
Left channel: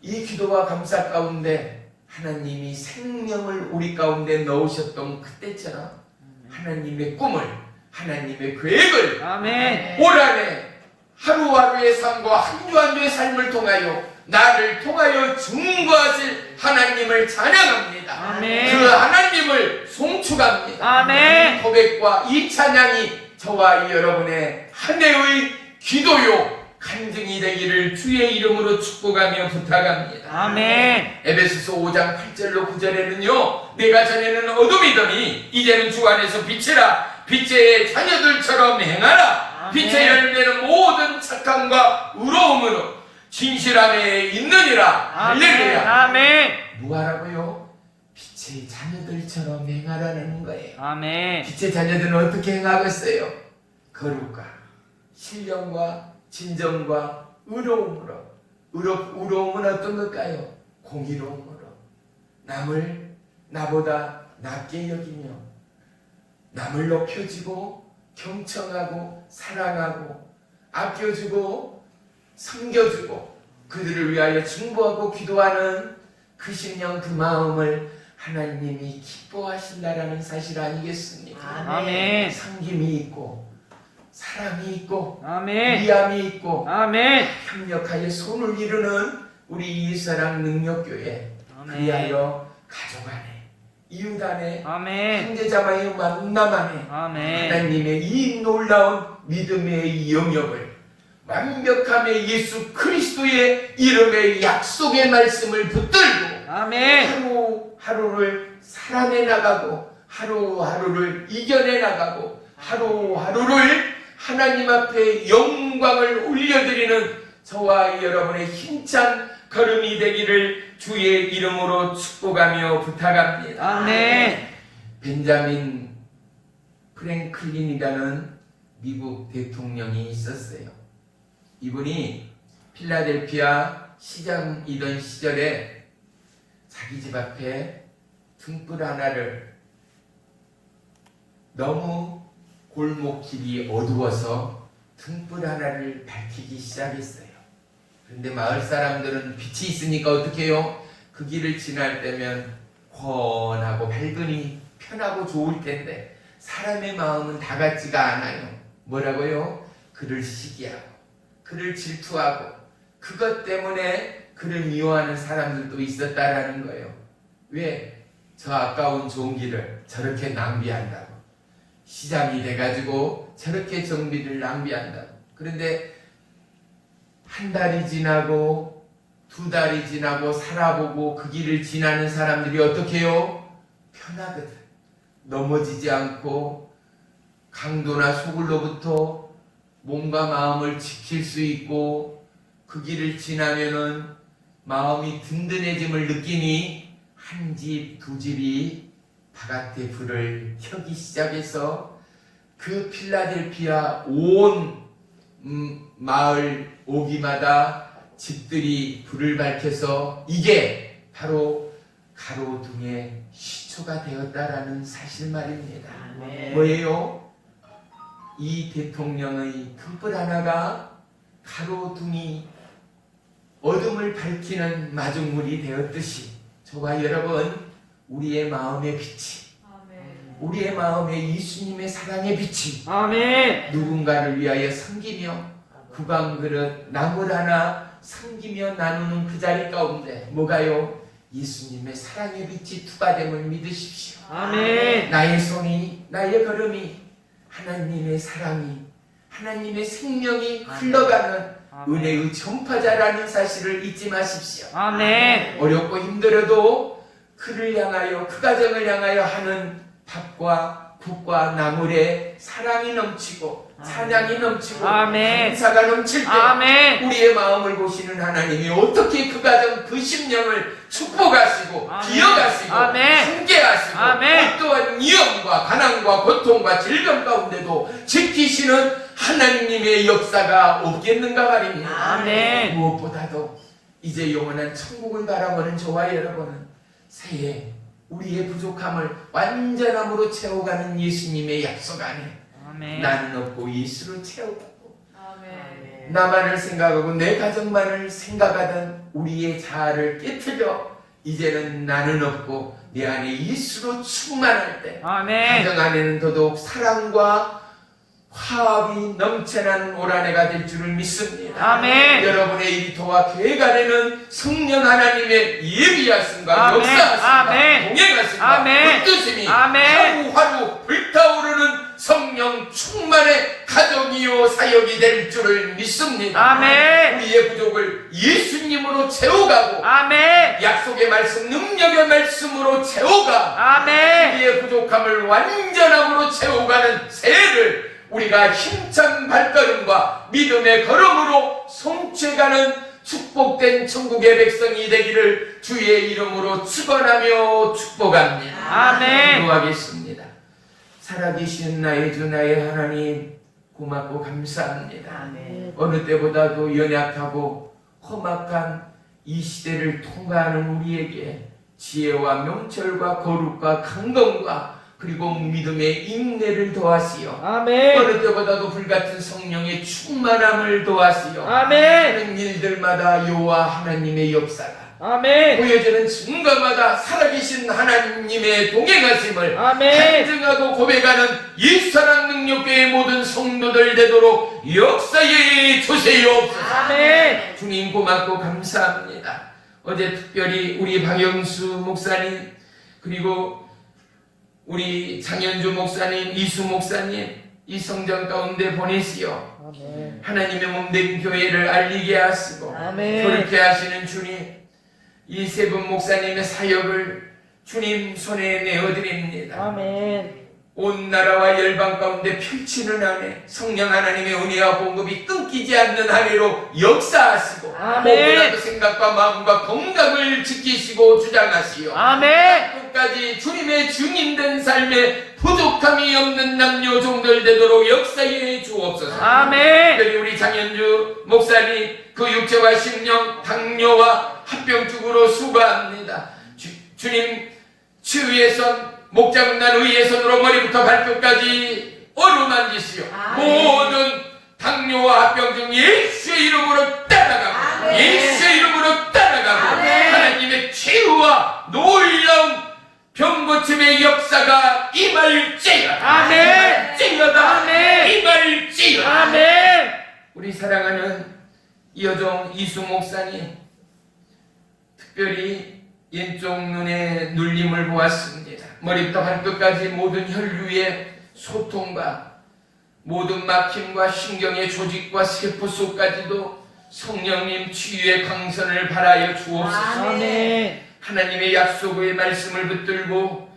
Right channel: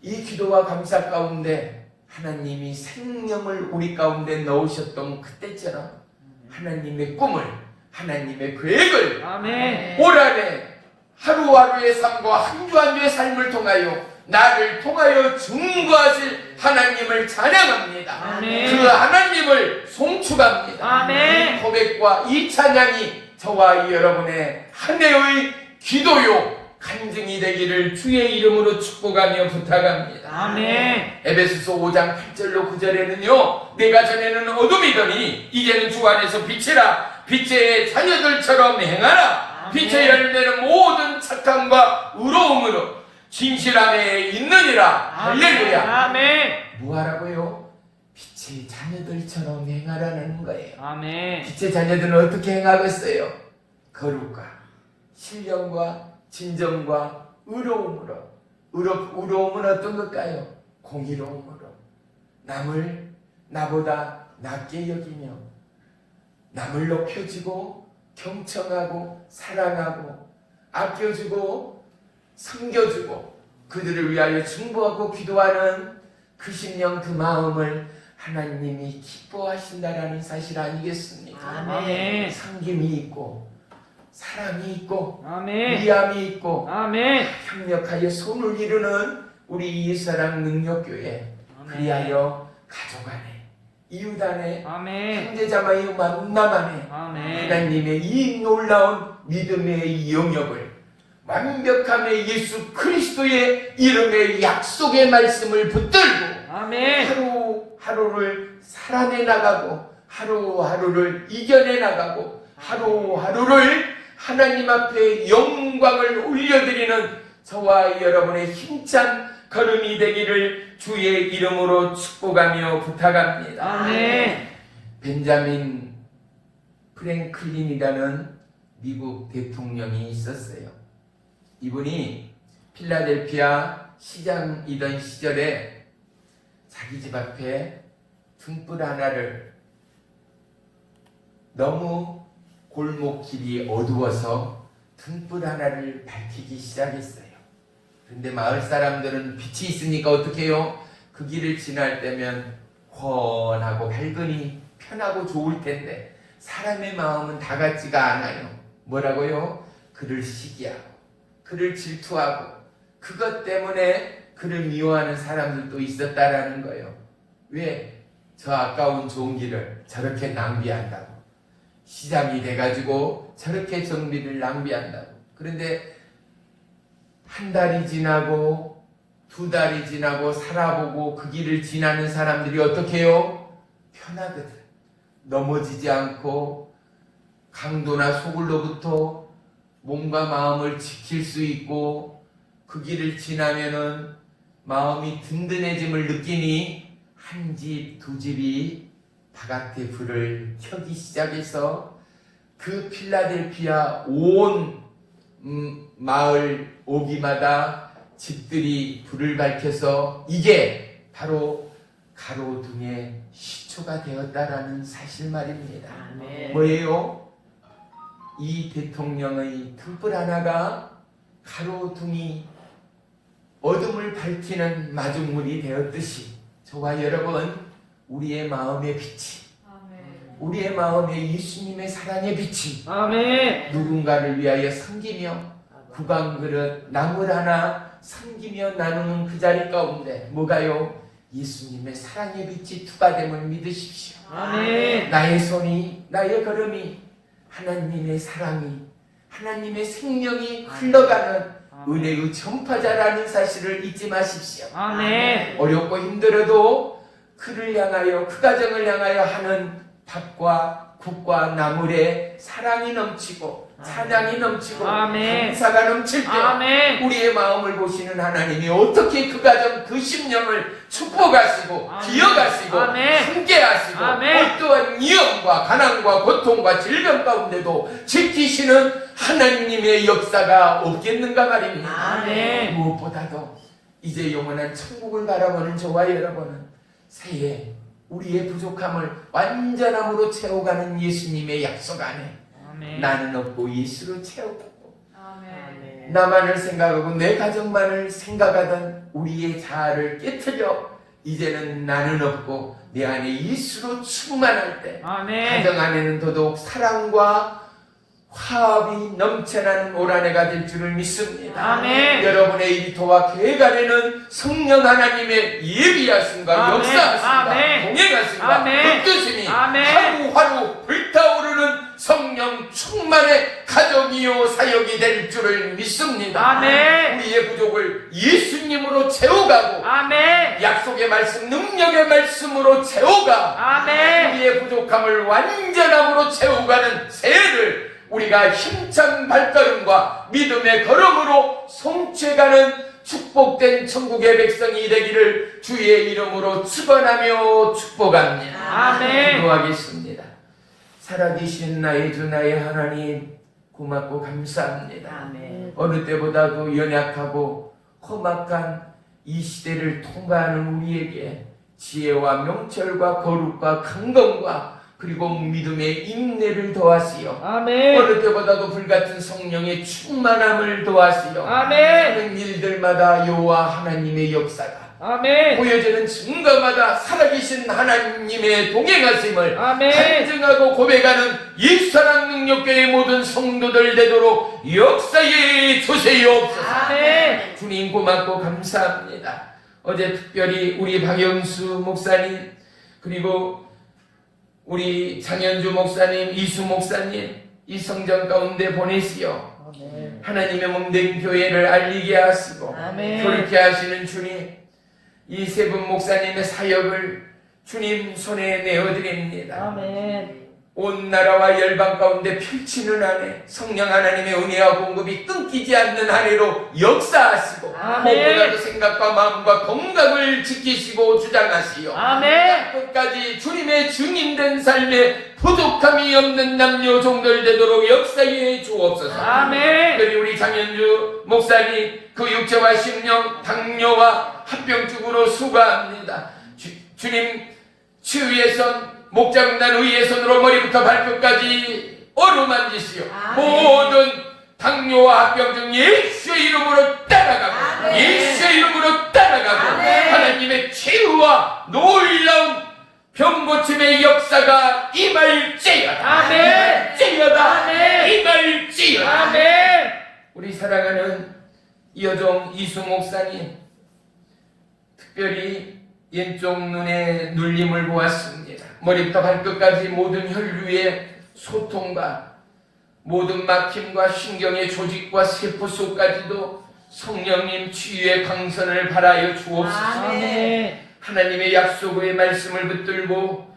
이 기도와 감사 가운데 하나님이 생명을 우리 가운데 넣으셨던 그때처럼 하나님의 꿈을 하나님의 계획을 아멘. 올 한해 하루하루의 삶과 한 주 한 주의 삶을 통하여 나를 통하여 증거하실 하나님을 찬양합니다. 아멘. 그 하나님을 송축합니다. 아멘. 이 고백과 이 찬양이 저와 여러분의 한 해의 기도요 간증이 되기를 주의 이름으로 축복하며 부탁합니다. 아멘. 에베소서 5장 8절로 9절에는요 내가 전에는 어둠이더니 이제는 주 안에서 빛이라 빛의 자녀들처럼 행하라. 아멘. 빛의 열매는 모든 착함과 의로움으로 진실함에 있느니라. 할렐루야. 아멘. 뭐하라고요? 빛의 자녀들처럼 행하라는 거예요. 아멘. 빛의 자녀들은 어떻게 행하겠어요? 거룩과 신령과 진정과 의로움으로. 의로움은 어떤 걸까요? 공의로움으로 남을 나보다 낮게 여기며 남을 높여주고 경청하고 사랑하고 아껴주고 섬겨주고 그들을 위하여 중보하고 기도하는 그 심령 그 마음을 하나님이 기뻐하신다라는 사실 아니겠습니까? 아멘. 섬김이 있고 사랑이 있고 아멘. 위함이 있고 아멘. 협력하여 손을 이루는 우리 이사랑 능력교회 그리하여 가족 안에 이웃 안에 아멘. 형제자매의 만남 안에 아멘. 하나님의 이 놀라운 믿음의 영역을 완벽함의 예수 그리스도의 이름의 약속의 말씀을 붙들고 아멘. 하루하루를 살아내 나가고 하루하루를 이겨내 나가고 하루하루를 하나님 앞에 영광을 올려드리는 저와 여러분의 힘찬 걸음이 되기를 주의 이름으로 축복하며 부탁합니다. 아멘. 벤자민 프랭클린이라는 미국 대통령이 있었어요. 이분이 필라델피아 시장이던 시절에 자기 집 앞에 등불 하나를 너무 골목길이 어두워서 등불 하나를 밝히기 시작했어요. 그런데 마을 사람들은 빛이 있으니까 어떻게 해요? 그 길을 지날 때면 환하고 밝으니 편하고 좋을 텐데 사람의 마음은 다 같지가 않아요. 뭐라고요? 그를 시기하고 그를 질투하고 그것 때문에 그를 미워하는 사람들도 있었다라는 거예요. 왜? 저 아까운 좋은 길을 저렇게 낭비한다고. 시장이 돼가지고 저렇게 정비를 낭비한다고. 그런데 한 달이 지나고 두 달이 지나고 살아보고 그 길을 지나는 사람들이 어떻게 해요? 편하거든. 넘어지지 않고 강도나 소굴로부터 몸과 마음을 지킬 수 있고 그 길을 지나면은 마음이 든든해짐을 느끼니 한 집, 두 집이 바깥에 불을 켜기 시작해서 그 필라델피아 온 마을 오기마다 집들이 불을 밝혀서 이게 바로 가로등의 시초가 되었다라는 사실 말입니다. 아멘. 뭐예요? 이 대통령의 등불 하나가 가로등이 어둠을 밝히는 마중물이 되었듯이 저와 여러분 우리의 마음의 빛이 우리의 마음에 예수님의 사랑의 빛이 아멘. 누군가를 위하여 섬기며 구강 그릇 나물 하나 섬기며 나누는 그 자리 가운데 뭐가요? 예수님의 사랑의 빛이 투과됨을 믿으십시오. 아멘. 나의 손이 나의 걸음이 하나님의 사랑이, 하나님의 생명이 흘러가는 은혜의 전파자라는 사실을 잊지 마십시오. 아멘. 어렵고 힘들어도 그를 향하여, 그 가정을 향하여 하는 밥과 국과 나물에 사랑이 넘치고 찬양이 넘치고 아멘. 감사가 넘칠 때 아멘. 우리의 마음을 보시는 하나님이 어떻게 그 가정, 그 심령을 축복하시고 아멘. 기억하시고 아멘. 함께하시고 아멘. 어떠한 위험과 가난과 고통과 질병 가운데도 지키시는 하나님의 역사가 없겠는가 말입니다. 아멘. 무엇보다도 이제 영원한 천국을 바라보는 저와 여러분은 새해 우리의 부족함을 완전함으로 채워가는 예수님의 약속 안에 아멘. 나는 없고 예수를 채워가고 아멘. 나만을 생각하고 내 가정만을 생각하던 우리의 자아를 깨트려 이제는 나는 없고 내 안에 예수로 충만할 때 아멘. 가정 안에는 더더욱 사랑과 화합이 넘쳐나는 올 한 해가 될 줄을 믿습니다. 아멘. 여러분의 일터와 계획 안에는 성령 하나님의 예비하심과 아멘. 역사하심과 아멘. 동행하심과 아멘. 뜻심이 아멘. 하루하루 불타오르는 성령 충만의 가정이요 사역이 될 줄을 믿습니다. 아멘. 우리의 부족을 예수님으로 채워가고 아멘. 약속의 말씀, 능력의 말씀으로 채워가 아멘. 우리의 부족함을 완전함으로 채워가는 새해를 우리가 힘찬 발걸음과 믿음의 걸음으로 성취해가는 축복된 천국의 백성이 되기를 주의 이름으로 축원하며 축복합니다. 아멘. 기도하겠습니다. 살아계신 나의 주 나의 하나님 고맙고 감사합니다. 아멘. 어느 때보다도 연약하고 험악한 이 시대를 통과하는 우리에게 지혜와 명철과 거룩과 강건과 그리고 믿음의 인내를 더하시어 아멘. 어느 때보다도 불같은 성령의 충만함을 더하시어 아멘. 하는 일들마다 여호와 하나님의 역사가 아멘. 보여지는 증거마다 살아계신 하나님의 동행하심을 아멘. 간증하고 고백하는 예수사랑 능력교회의 모든 성도들 되도록 역사에 주세요옵소서. 아멘. 주님 고맙고 감사합니다. 어제 특별히 우리 박영수 목사님 그리고 우리 장현주 목사님, 이수 목사님 이 성전 가운데 보내시어 아멘. 하나님의 몸된 교회를 알리게 하시고 아멘. 그렇게 하시는 주님 이 세 분 목사님의 사역을 주님 손에 내어드립니다. 아멘. 온 나라와 열방 가운데 펼치는 한 해 성령 하나님의 은혜와 공급이 끊기지 않는 한 해로 역사하시고 아멘. 무엇보다도 생각과 마음과 건강을 지키시고 주장하시오. 아멘. 끝까지 주님의 증인된 삶에 부족함이 없는 남녀 종들 되도록 역사해 주옵소서. 아멘. 특별히 우리 장현주 목사님 그 육체와 심령 당뇨와 합병증으로 수고합니다. 주님 치유의 목자군단 의의 손으로 머리부터 발끝까지 어루만지시오. 모든 당뇨와 합병증 예수의 이름으로 따라가고 예수의 이름으로 따라가고 하나님의 치유와 놀라운 병고침의 역사가 임할지어다. 아멘. 찌어다. 아멘. 임할지어다. 아멘. 우리 사랑하는 이여종 이수 목사님 특별히 왼쪽 눈에 눌림을 보았습니다. 머리부터 발끝까지 모든 혈류의 소통과 모든 막힘과 신경의 조직과 세포 속까지도 성령님 치유의 강선을 바라여 주옵소서. 아멘. 하나님의 약속의 말씀을 붙들고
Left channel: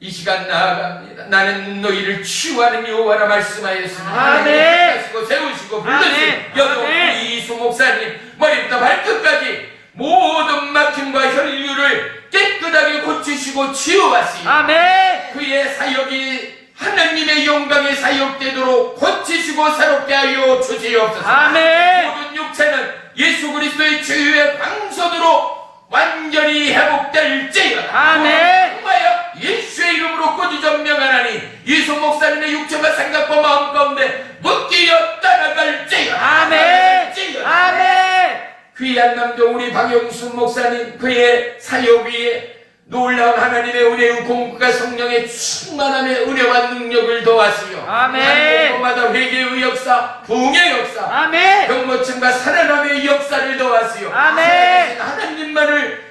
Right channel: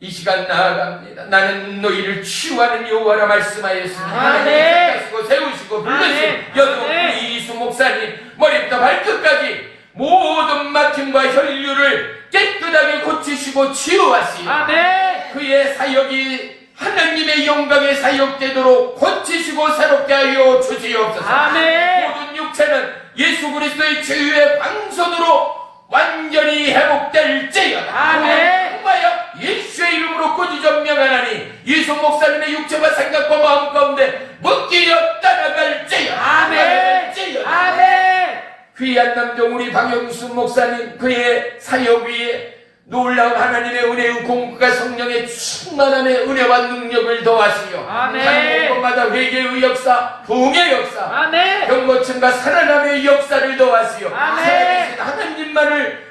이 시간 나아갑니다. 나는 너희를 치유하는 여호와라 말씀하였습니다. 아멘. 하시고 세우시고 불러주신 아멘. 여종 아멘. 이수 목사님 머리부터 발끝까지 모든 막힘과 혈류를 깨끗하게 고치시고 치유하시고 아멘. 그의 사역이 하나님의 영광의 사역되도록 고치시고 새롭게 하여 주시옵소서. 아멘. 모든 육체는 예수 그리스도의 치유의 광선으로 완전히 회복될지어다. 아멘. 정말요 예수의 이름으로 꾸짖어 명하나니 이수 목사님의 육체와 생각과 마음 가운데 묶이어 따라갈지어다. 아멘. 아멘. 귀한 남종 우리 박영수 목사님 그의 사역 위에 놀라운 하나님의 은혜의 공급과 성령의 충만함의 은혜와 능력을 더하시오. 아멘. 한국마다 회개의 역사, 부흥의 역사, 아멘. 병고침과 살아남의 역사를 더하시오. 아멘. 하나님만을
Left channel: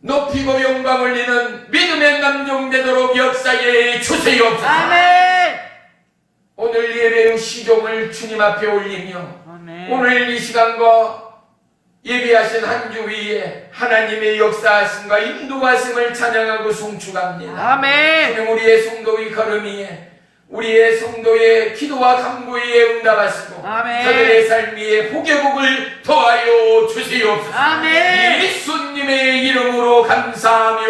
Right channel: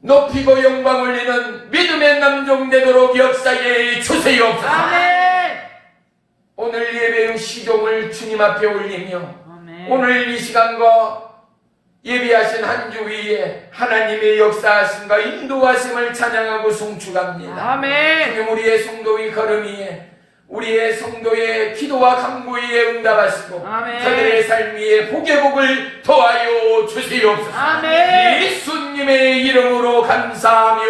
높이고 영광 올리는 믿음의 남종 되도록 역사에 주세요. 아멘. 기도를 주님 앞에 올리며 아멘. 오늘 이 시간과 예비하신 한 주 위에 하나님의 역사하심과 인도하심을 찬양하고 송축합니다. 아멘. 주님, 우리의 성도의 걸음이에 우리의 성도의 기도와 간구에 응답하시고 아멘. 저들의 삶 위에 복의 복을 더하여 주시옵소서. 아멘. 예수님의 이름으로 감사하며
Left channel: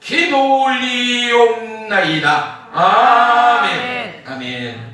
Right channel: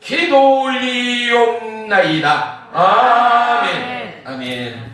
기도 올리옵나이다. 아멘. 아멘. 아멘.